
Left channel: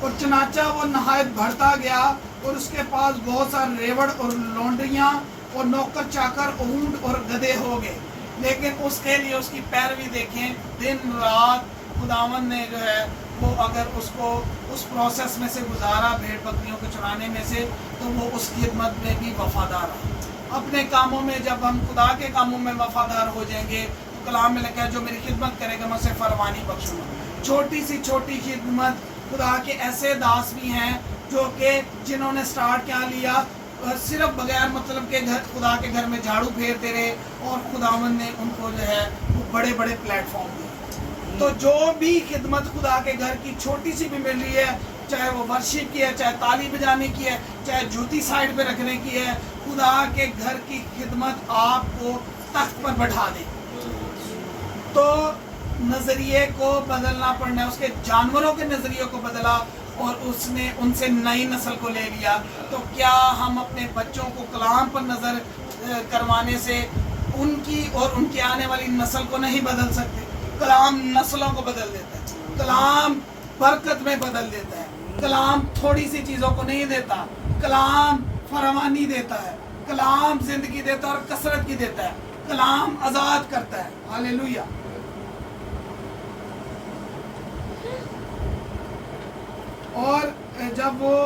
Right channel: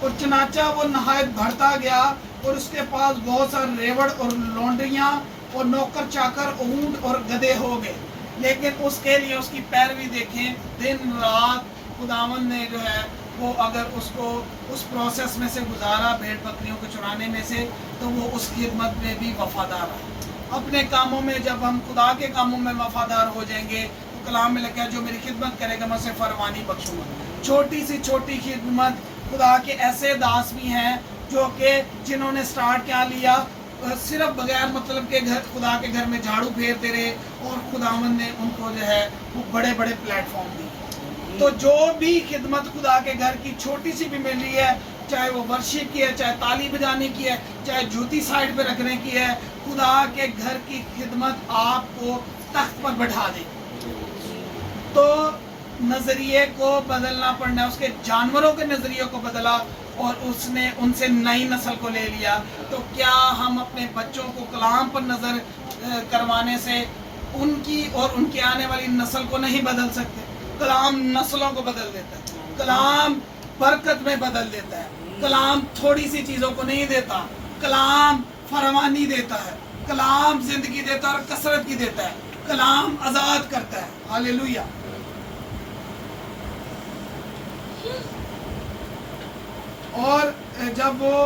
اور چنانچہ وہ نہایت بڑھتا گیا اور اس کے پاس بہت سارے ریوڑ اور لونڈیاں اور نوکر چاکر, اونٹ اور گدھے ہو گئے. لیکن اس کے لیے اس کی پیروی دیکھیں, دن رات خداوند نے جو ہے وہ اگر اس کو اس پروسیس میں سے گزارا بھیڑ بکریوں کو چرانے میں سے, تو وہ اس خدمت میں بھی وفادار رہا. اپنے کاموں میں جب ہم خدا کے کاموں میں وفادار ہو جائیں گے تو کلام میں لکھا ہے جو میری خدمت کرے گا میں اسے فروانی بخشوں گا. چھوٹی سی چھوٹی خدمت, خدا کے ایسے داس بھی ہیں جو کہ جنہوں نے سٹارٹ کیا لیا صرف بغیر مطلب کے خدا کے گھر میں جھاڑو پھیرتے رہے اور خداوند نے ان کو جو ہے وہ بڑے بڑے پلیٹ فارم دیے. تو جو بھی خدمت خدا کے گھر کی چھوٹی سی بھی مل رہی ہے, چاہے وہ ورشپ کی ہے, چاہے تالی بجانے کی ہے, چاہے جوتی سائڈ پہ رکھنے کی ہے, خدا کے گھر کی خدمت آپ کو تخت پر بٹھا دے. تو نظریے کو بدلنا پڑنا, اس کے جانوروں کے نظریے کو بدلا اور اس نے ان سے نئی نسل کو لے لیا. تو کیا ہم اپنے بچوں کو کلام پر نظر کروانے سے ان کی اور ان کی آنے والی نسل کو نہیں بدل سکتے؟ کلام نسلوں کو بدل دیتا ہے, کلام برکت میں بدل دیتا ہے, کلام تھوڑی سی چیزوں کو نہیں دیتا, کلام فراوانی دیتا ہے, کلام زندگی دیتا ہے اور کثرت کی دیتا ہے, کلام آزاد کرتا ہے. ہاللیلویہ. اور جب وہ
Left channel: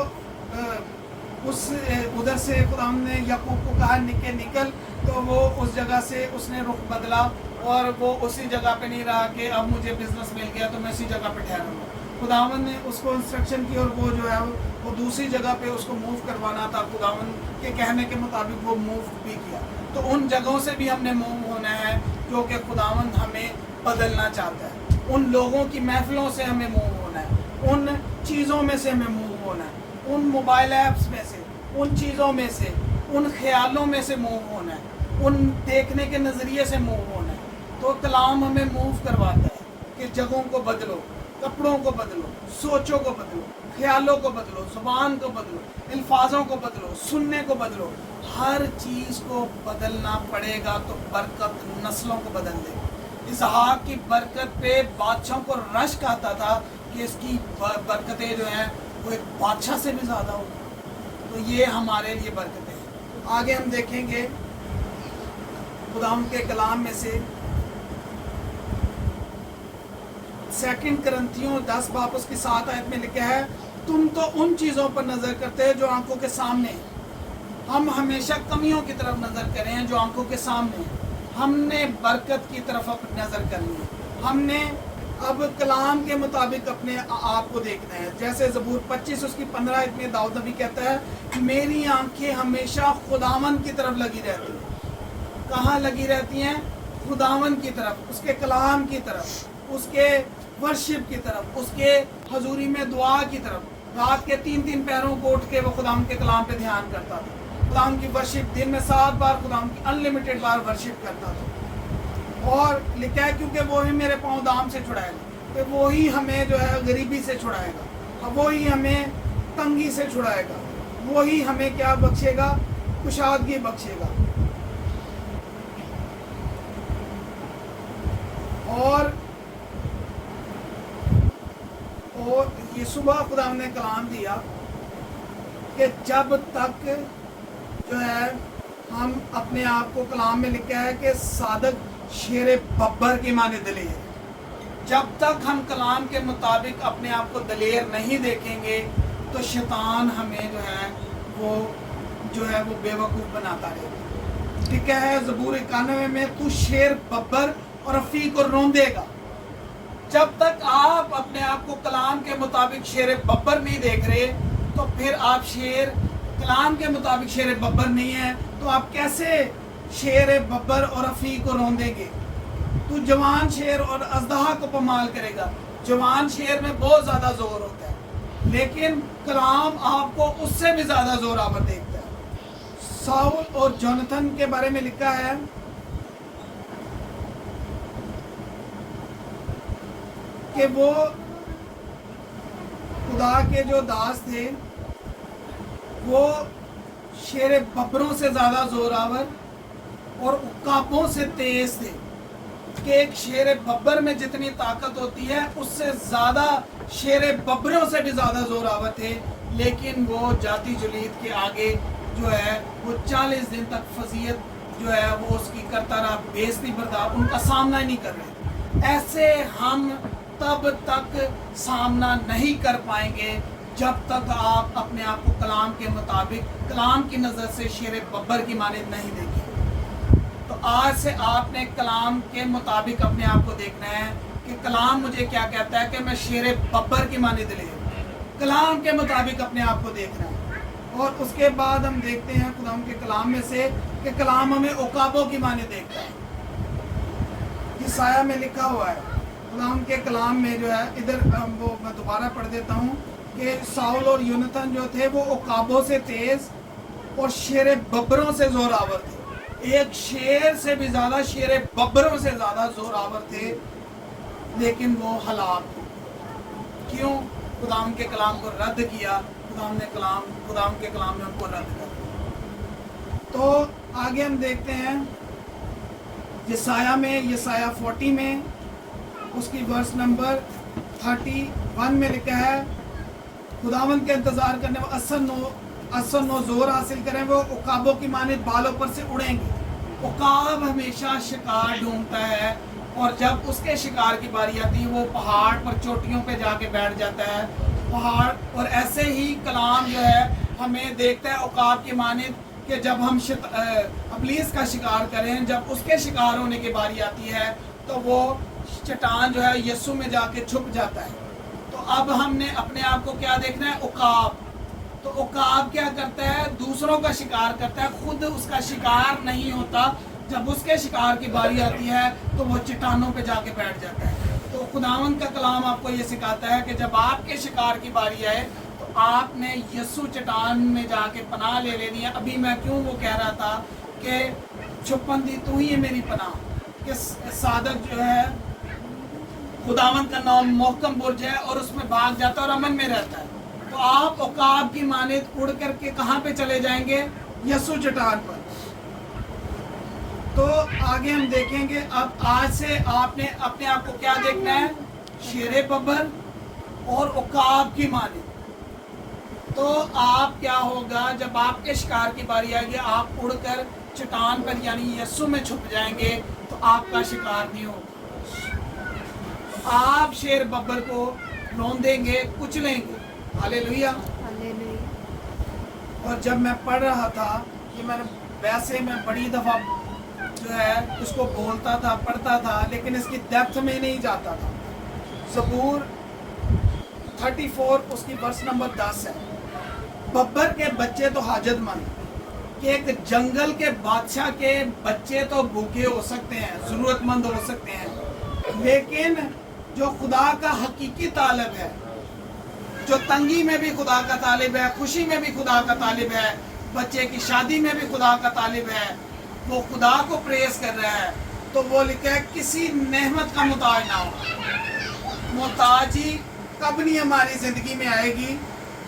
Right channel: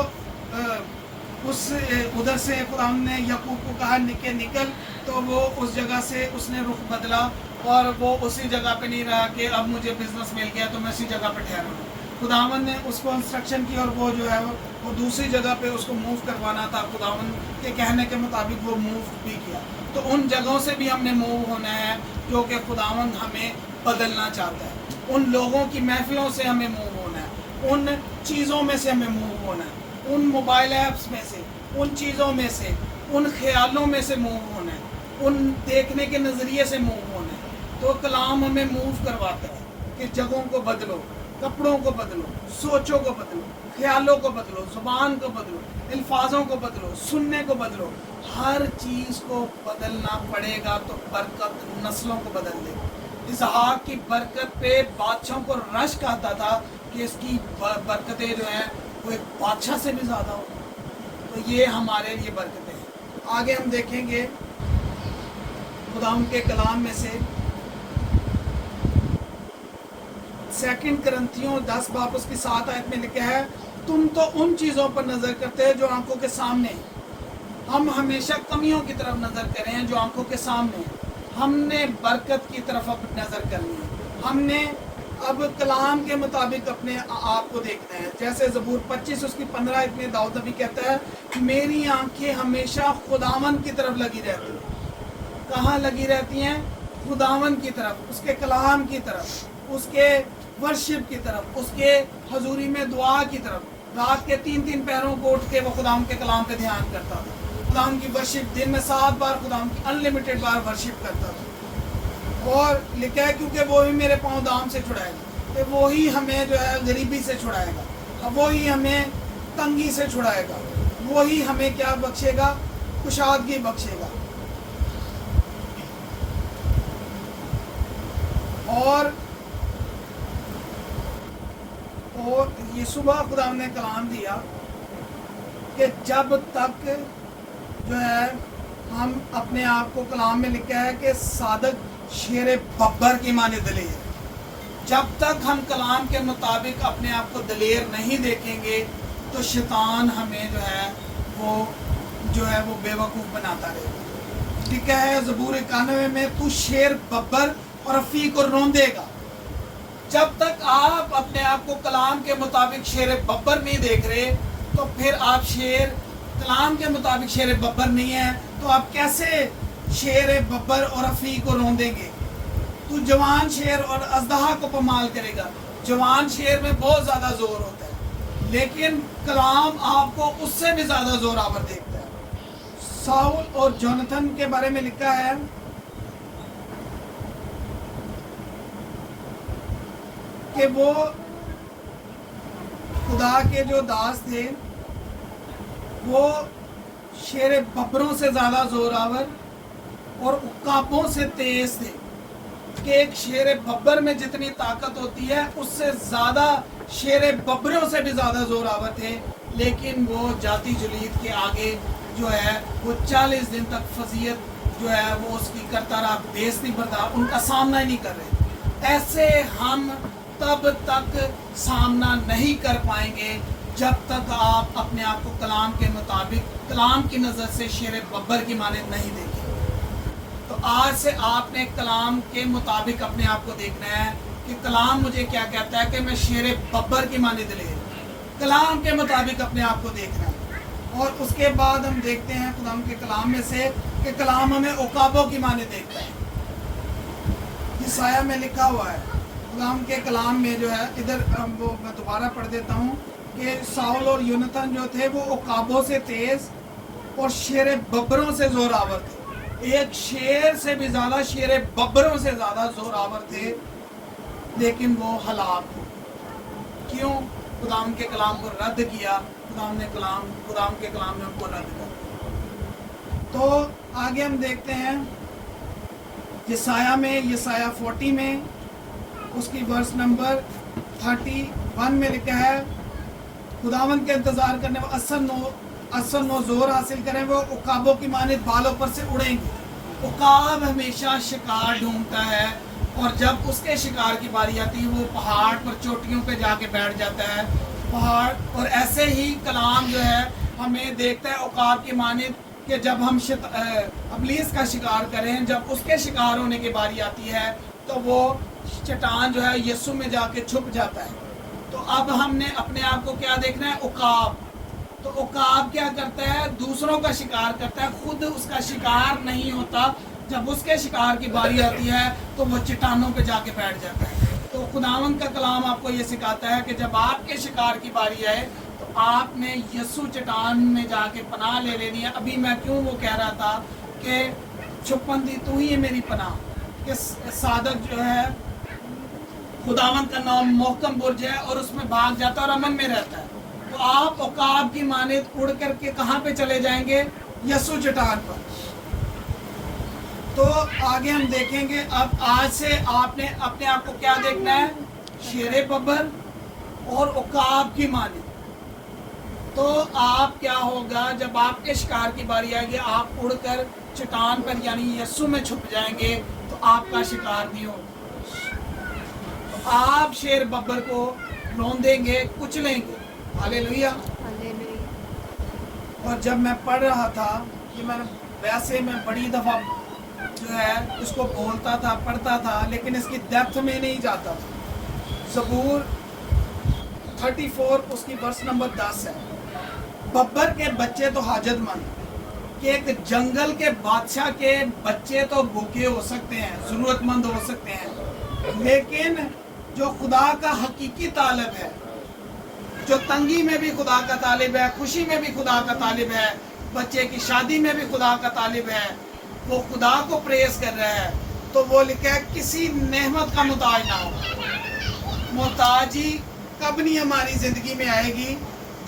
اس ادھر سے خدا نے یعقوب کو کہا کہ نکل, تو وہ اس جگہ سے اس نے رخ بدلا اور وہ اسی جگہ پہ نہیں رہا کہ اب مجھے بزنس مل گیا تو میں اسی جگہ پہ ٹھہروں. خداوند نے اس کو انسٹرکشن کی اور وہ جو ہے وہ دوسری جگہ پہ اس کو موو کروانا تھا. خداوند کے کہنے کے مطابق وہ موو بھی کیا. تو ان جگہوں سے بھی ہم نے موو ہونا ہے جو کہ خداوند ہمیں بدلنا چاہتا ہے. ان لوگوں کی محفلوں سے ہمیں موو ہونا ہے, ان چیزوں میں سے ہمیں موو ہونا ہے, ان موبائل ایپس میں سے, ان چیزوں میں سے, ان خیالوں میں سے موو ہونا ہے, ان دیکھنے کے نظریے سے موو ہونا ہے. تو کلام ہمیں موو کرواتا ہے کہ جگہوں کو بدلو, کپڑوں کو بدلو, سوچوں کو بدلو, خیالوں کو بدلو, زبان کو بدلو, الفاظوں کو بدلو, سننے کو بدلو. ہر چیز کو بدلنا پڑے گا تو برکت نسلوں کو بدل دے. اسحاق کی برکت پہ بادشاہوں کو رشک آتا تھا کہ اس کی برکتیں جو ہیں وہ ایک بادشاہ سے بھی زیادہ ہوتی. تو یہ ہمارے لیے برکتیں ہیں. آگے ہم دیکھیں گے خداوند کے کلام میں سے 2 کرنتھیوں 10 باب اس کی 7 آیت میں لکھا ہے, تم تو ان چیزوں پر نظر کرتے ہیں جو آنکھوں کے سامنے ہیں. ہم ہمیشہ کمیوں کی طرف نظر کریں جو آنکھوں کے سامنے ہیں. ہم نے برکت کی طرف اپنی نظر کرنی ہے. ہم نے اب کلام کے مطابق اپنے آپ کو دیکھنا ہے. جیسے زبور 25 اس کی 15 آیت میں داؤد نبی کہتا ہے کہ میری آنکھیں ہمیشہ خداوند کی طرف لگی رہتی ہیں. کہاں لگی رہتی ہیں؟ خداوند کی طرف, اس کے کلام کی طرف, اس کے ورشپ کی طرف, اس کے حضوری میں دعا کی طرف. رات کے 3 پہروں کو اٹھ کے وہ خداوند کے کلام پہ دھیان کرتا تھا. خداوند کی ورشپ دن میں 7 بار خداوند کی انلیمیٹڈ بار ورشپ کرتا تھا. اور لکھا ہے کیونکہ وہی میرے پاؤں دام سے چھڑائے گا, کہ وہی ہمیں جو ہے غریبی سے چھڑائے گا, وہی ہمیں تنگی سے چھڑائے گا, وہی ہمیں کیا بخشے گا؟ کشادگی بخشے گا. اور یہ صبح خدا نے کلام دیا کہ جب تک جو ہے हम अपने आप को कलाम में लिखा है कि सादक शेर बब्बर की माने दलेर। जब तक हम कलाम के मुताबिक अपने आप को दलेर नहीं देखेंगे तो शैतान हमें जो है वो बेवकूफ़ बनाता रहेगा। ठीक है, ज़बूर 91 में तू शेर बब्बर और रफ़ी को रोंदेगा। जब तक आप अपने आप को कलाम के मुताबिक शेर बब्बर नहीं देख रहे तो फिर आप कलाम के मुताबिक शेर बब्बर नहीं है तो आप कैसे शेर बब्बर और रफ़ी को रोंदेंगे। तू जवान शेर और अज़दहा को पमाल करेगा। जवान शेर में बहुत ज़्यादा ज़ोर होता है लेकिन कलाम आपको उससे भी ज़्यादा ज़ोरावर देखता है। साउल और जोनाथन के बारे में लिखा है कि वो खुदा के जो दास थे वो शेर बब्बरों से ज़्यादा ज़ोरावर और उकाबों से तेज थे कि एक शेर बब्बर में जितनी ताकत होती है उससे ज़्यादा शेर बब्बरों से भी ज़्यादा ज़ोरावर थे। लेकिन वो जाति जुलीद के आगे जो है वो 40 दिन तक फजीयत जो है वो उसकी करता रहा, बेइज्जती बर्दाश्त, उनका सामना ही नहीं कर रहे। ऐसे हम तब तक सामना नहीं कर पाएंगे जब तक आप अपने आप को कलाम के मुताबिक कलाम की नज़र से शेर बब्बर की मानद नहीं देखें। तो आज से आपने कलाम के मुताबिक अपने आप को देखना है कि कलाम मुझे क्या कहता है कि मैं शेर बब्बर की मानद ले, कलाम के मुताबिक अपने आप को देखना है। और उसके बाद हम देखते हैं खुदाम के कलाम में से कि कलाम हमें उकाबों की मानद देखता है। यसाया में लिखा हुआ है खुदाम के कलाम में जो है, इधर वो मैं दोबारा पढ़ देता हूँ कि साउल और योनाथन जो थे वो उकाबों से तेज और शेर बब्बरों से जोरावर थे। एक शेर से भी ज़्यादा शेर बब्बरों से ज़्यादा जोरावर थे लेकिन वो हलाक हो। क्यों? खुदाम के कलाम को रद्द किया, खुदाम के कलाम ने उनको रद्द किया। तो आगे हम देखते हैं यसाया 40 में उसकी वर्स नंबर 31 में लिखा है खुदावंद का इंतजार करने वाले असल नो जोर हासिल करें, वो उकाबों की मानित बालों पर से उड़ेंगे। उकाब हमेशा शिकार ढूंढता है और जब उसके शिकार की बारी आती है वो पहाड़ पर चोटियों पे जाके बैठ जाता है पहाड़। और ऐसे ही कलाम जो है हमें देखता है उकाब की मानित कि जब हम अबलीस का शिकार करें, जब उसके शिकार होने की बारी आती है तो वो चट्टान जो है यीशु में जाके छुप जाता है। तो अब हमने अपने आप को क्या देखना है? उकाब। तो उकाब क्या करता है? दूसरों का शिकार करता है, खुद उसका शिकार नहीं होता। जब उसके शिकार की बारी आती है तो वो चट्टानों पे जाके बैठ जाता है। तो खुदावंद का कलाम आपको ये सिखाता है कि जब आपके शिकार की बारी आए तो आपने यीशु चट्टान में जाके पनाह ले लेनी है। अभी मैं क्यों वो कह रहा था कि छुपंदी तू ही है मेरी पनाह। इस सादक जो है खुदावंद का नाम मोहकम बुर्ज है और उसमें भाग जाता है और अमन में रहता है। तो आप उकाब की मानित उड़ करके कहाँ पे चले जाएंगे? यीशु चट्टान पर। तो आगे हम देखेंगे अब आज से आपने अपने आप को क्या देखना है? शेर बब्बर और उकाब की मानित। तो आप क्या होगा जब आपके शिकार की बारी आएगी, आप उड़कर चट्टान पर यानी यीशु में छुप जाएंगे तो आपका शिकार नहीं होगा। आप शेर बब्बर को रौंदेंगे, कुचलेंगे। हालेलुया। और जब मैं पढ़ रहा था कि मैं बड़ी दफ़ा जो है उसको बोलता था, पढ़ता था, लेकिन इसकी डेप्थ में नहीं जाता था। ज़बूर 34 उसकी वर्स नंबर 10 है। बब्बर के बच्चे तो हाजतमंद कि एक जंगल के बादशाह के बच्चे तो भूखे हो सकते हैं, ज़रूरतमंद हो सकते हैं, लेकिन जो खुदा का हकीकी तालिब है, जो तंगी में भी खुदा का तालिब है, खुशी में भी खुदा का तालिब है, बच्चे की शादी में भी खुदा का तालिब है, वो खुदा को प्रेस कर रहा है, तो वो लिखा है किसी नेमत का मुताज ना हो। मोहताजी कब नहीं हमारी ज़िंदगी में आएगी?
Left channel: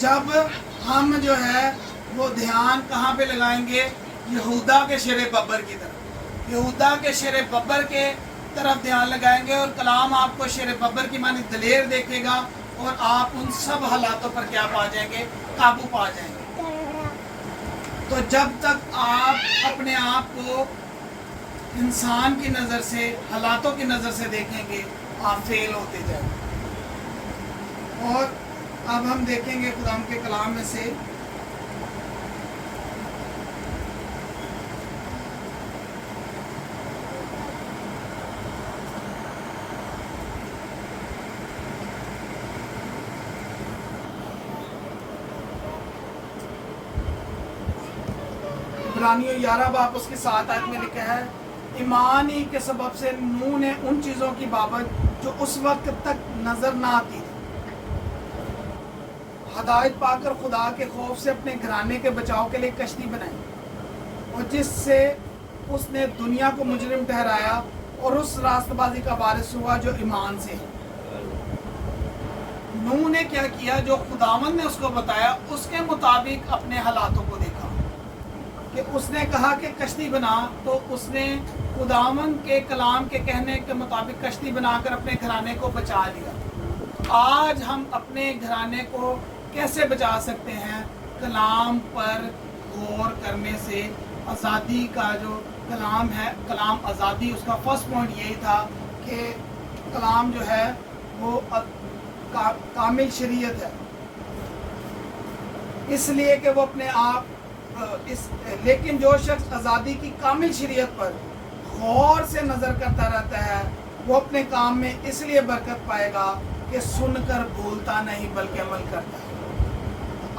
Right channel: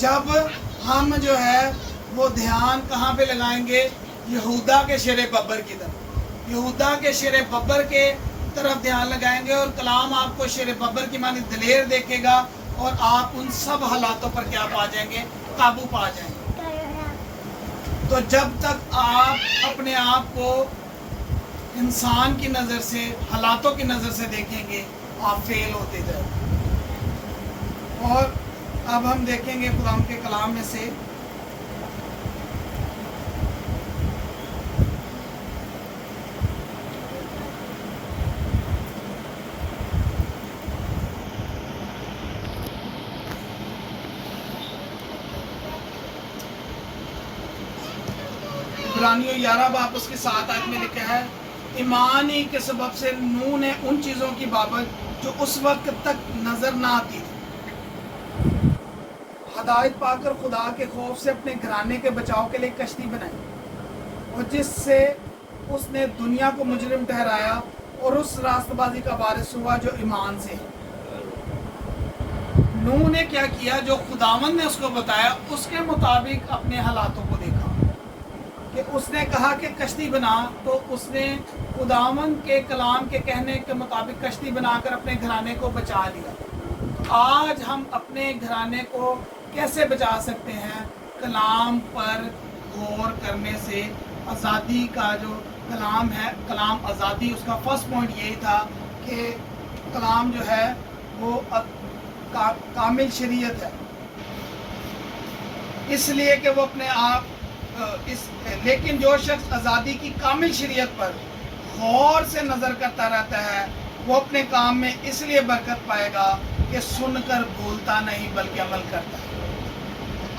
जब हम जो है वो ध्यान कहाँ पे लगाएंगे? यहूदा के शेर बब्बर की तरफ। यहूदा के शेर बब्बर के तरफ ध्यान लगाएंगे और कलाम आपको शेर बब्बर की मानी दलेर देखेगा और आप उन सब हालातों पर क्या पा जाएंगे? काबू पा जाएंगे। तो जब तक आप अपने आप को इंसान की नज़र से, हालातों की नज़र से देखेंगे, आप फेल होते जाएंगे। और अब हम देखेंगे खुदा के कलाम में से इब्रानियों 11 बाब उसके 7 आयत में लिखा है, ईमान ही के सबब से नूह ने उन चीज़ों की बाबत जो उस वक्त तक नज़र ना आती थी हदायत पाकर खुदा के खौफ से अपने घराने के बचाव के लिए कश्ती बनाई, और जिससे उसने दुनिया को मुजरिम ठहराया और उस रास्तबाजी का बारिश हुआ जो ईमान से है। नूह ने क्या किया? जो खुदावन ने उसको बताया उसके मुताबिक अपने हालातों को देखा कि उसने कहा कि कश्ती बना, तो उसने खुदावन के कलाम के कहने के मुताबिक कश्ती बनाकर अपने घराने को बचा लिया। आज हम अपने घराने को कैसे बचा सकते हैं? कलाम पर गौर करने से। आज़ादी का जो कलाम है, कलाम आज़ादी, उसका फर्स्ट पॉइंट यही था कि कलाम जो है वो कामिल शरीयत है, इसलिए कि वो अपने आप लेकिन जो शख्स आज़ादी की कामिल शरीयत पर गौर से नज़र करता रहता है वो अपने काम में इसलिए बरकत पाएगा कि सुनकर भूलता नहीं बल्कि अमल करता है।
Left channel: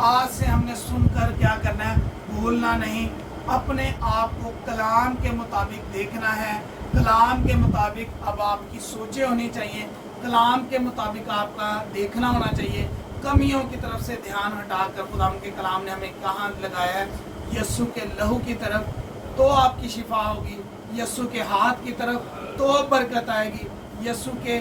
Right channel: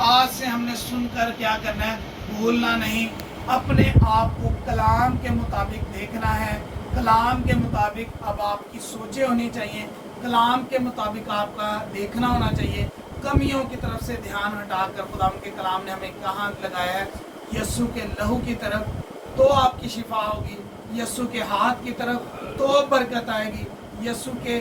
आज से हमने सुनकर क्या करना है? भूलना नहीं, अपने आप को कलाम के मुताबिक देखना है। कलाम के मुताबिक अब आपकी सोचें होनी चाहिए, कलाम के मुताबिक आपका देखना होना चाहिए। कमियों की तरफ से ध्यान हटाकर खुदा के कलाम ने हमें कहाँ लगाया है? यस्सु के लहू की तरफ, तो आपकी शिफा होगी। यस्सु के हाथ की तरफ तो बरकत आएगी। यस्सु के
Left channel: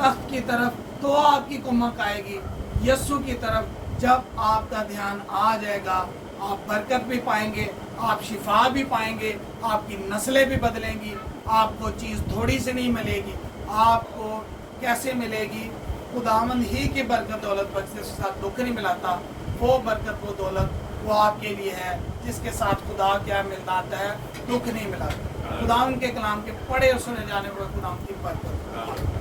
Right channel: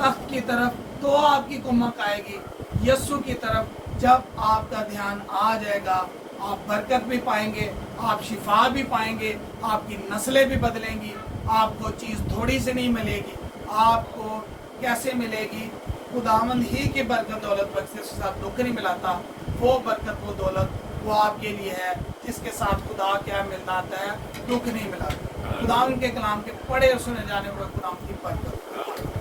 तख्त की तरफ तो आपकी कुमक आएगी। यस्सु की तरफ जब आपका ध्यान आ जाएगा, आप बरकत भी पाएंगे, आप शिफा भी पाएंगे, आपकी नस्लें भी बदलेंगी। आपको चीज़ थोड़ी सी नहीं मिलेगी, आपको कैसे मिलेगी? खुदावंद ही की बरकत दौलत बख्शे के साथ दुख नहीं मिलाता। वो बरकत, वो दौलत वो आपके लिए है जिसके साथ खुदा क्या मिलाता है? दुख नहीं मिलाता। खुदा के कलाम के पढ़े और सुने जाने हुए खुदा की बरकत।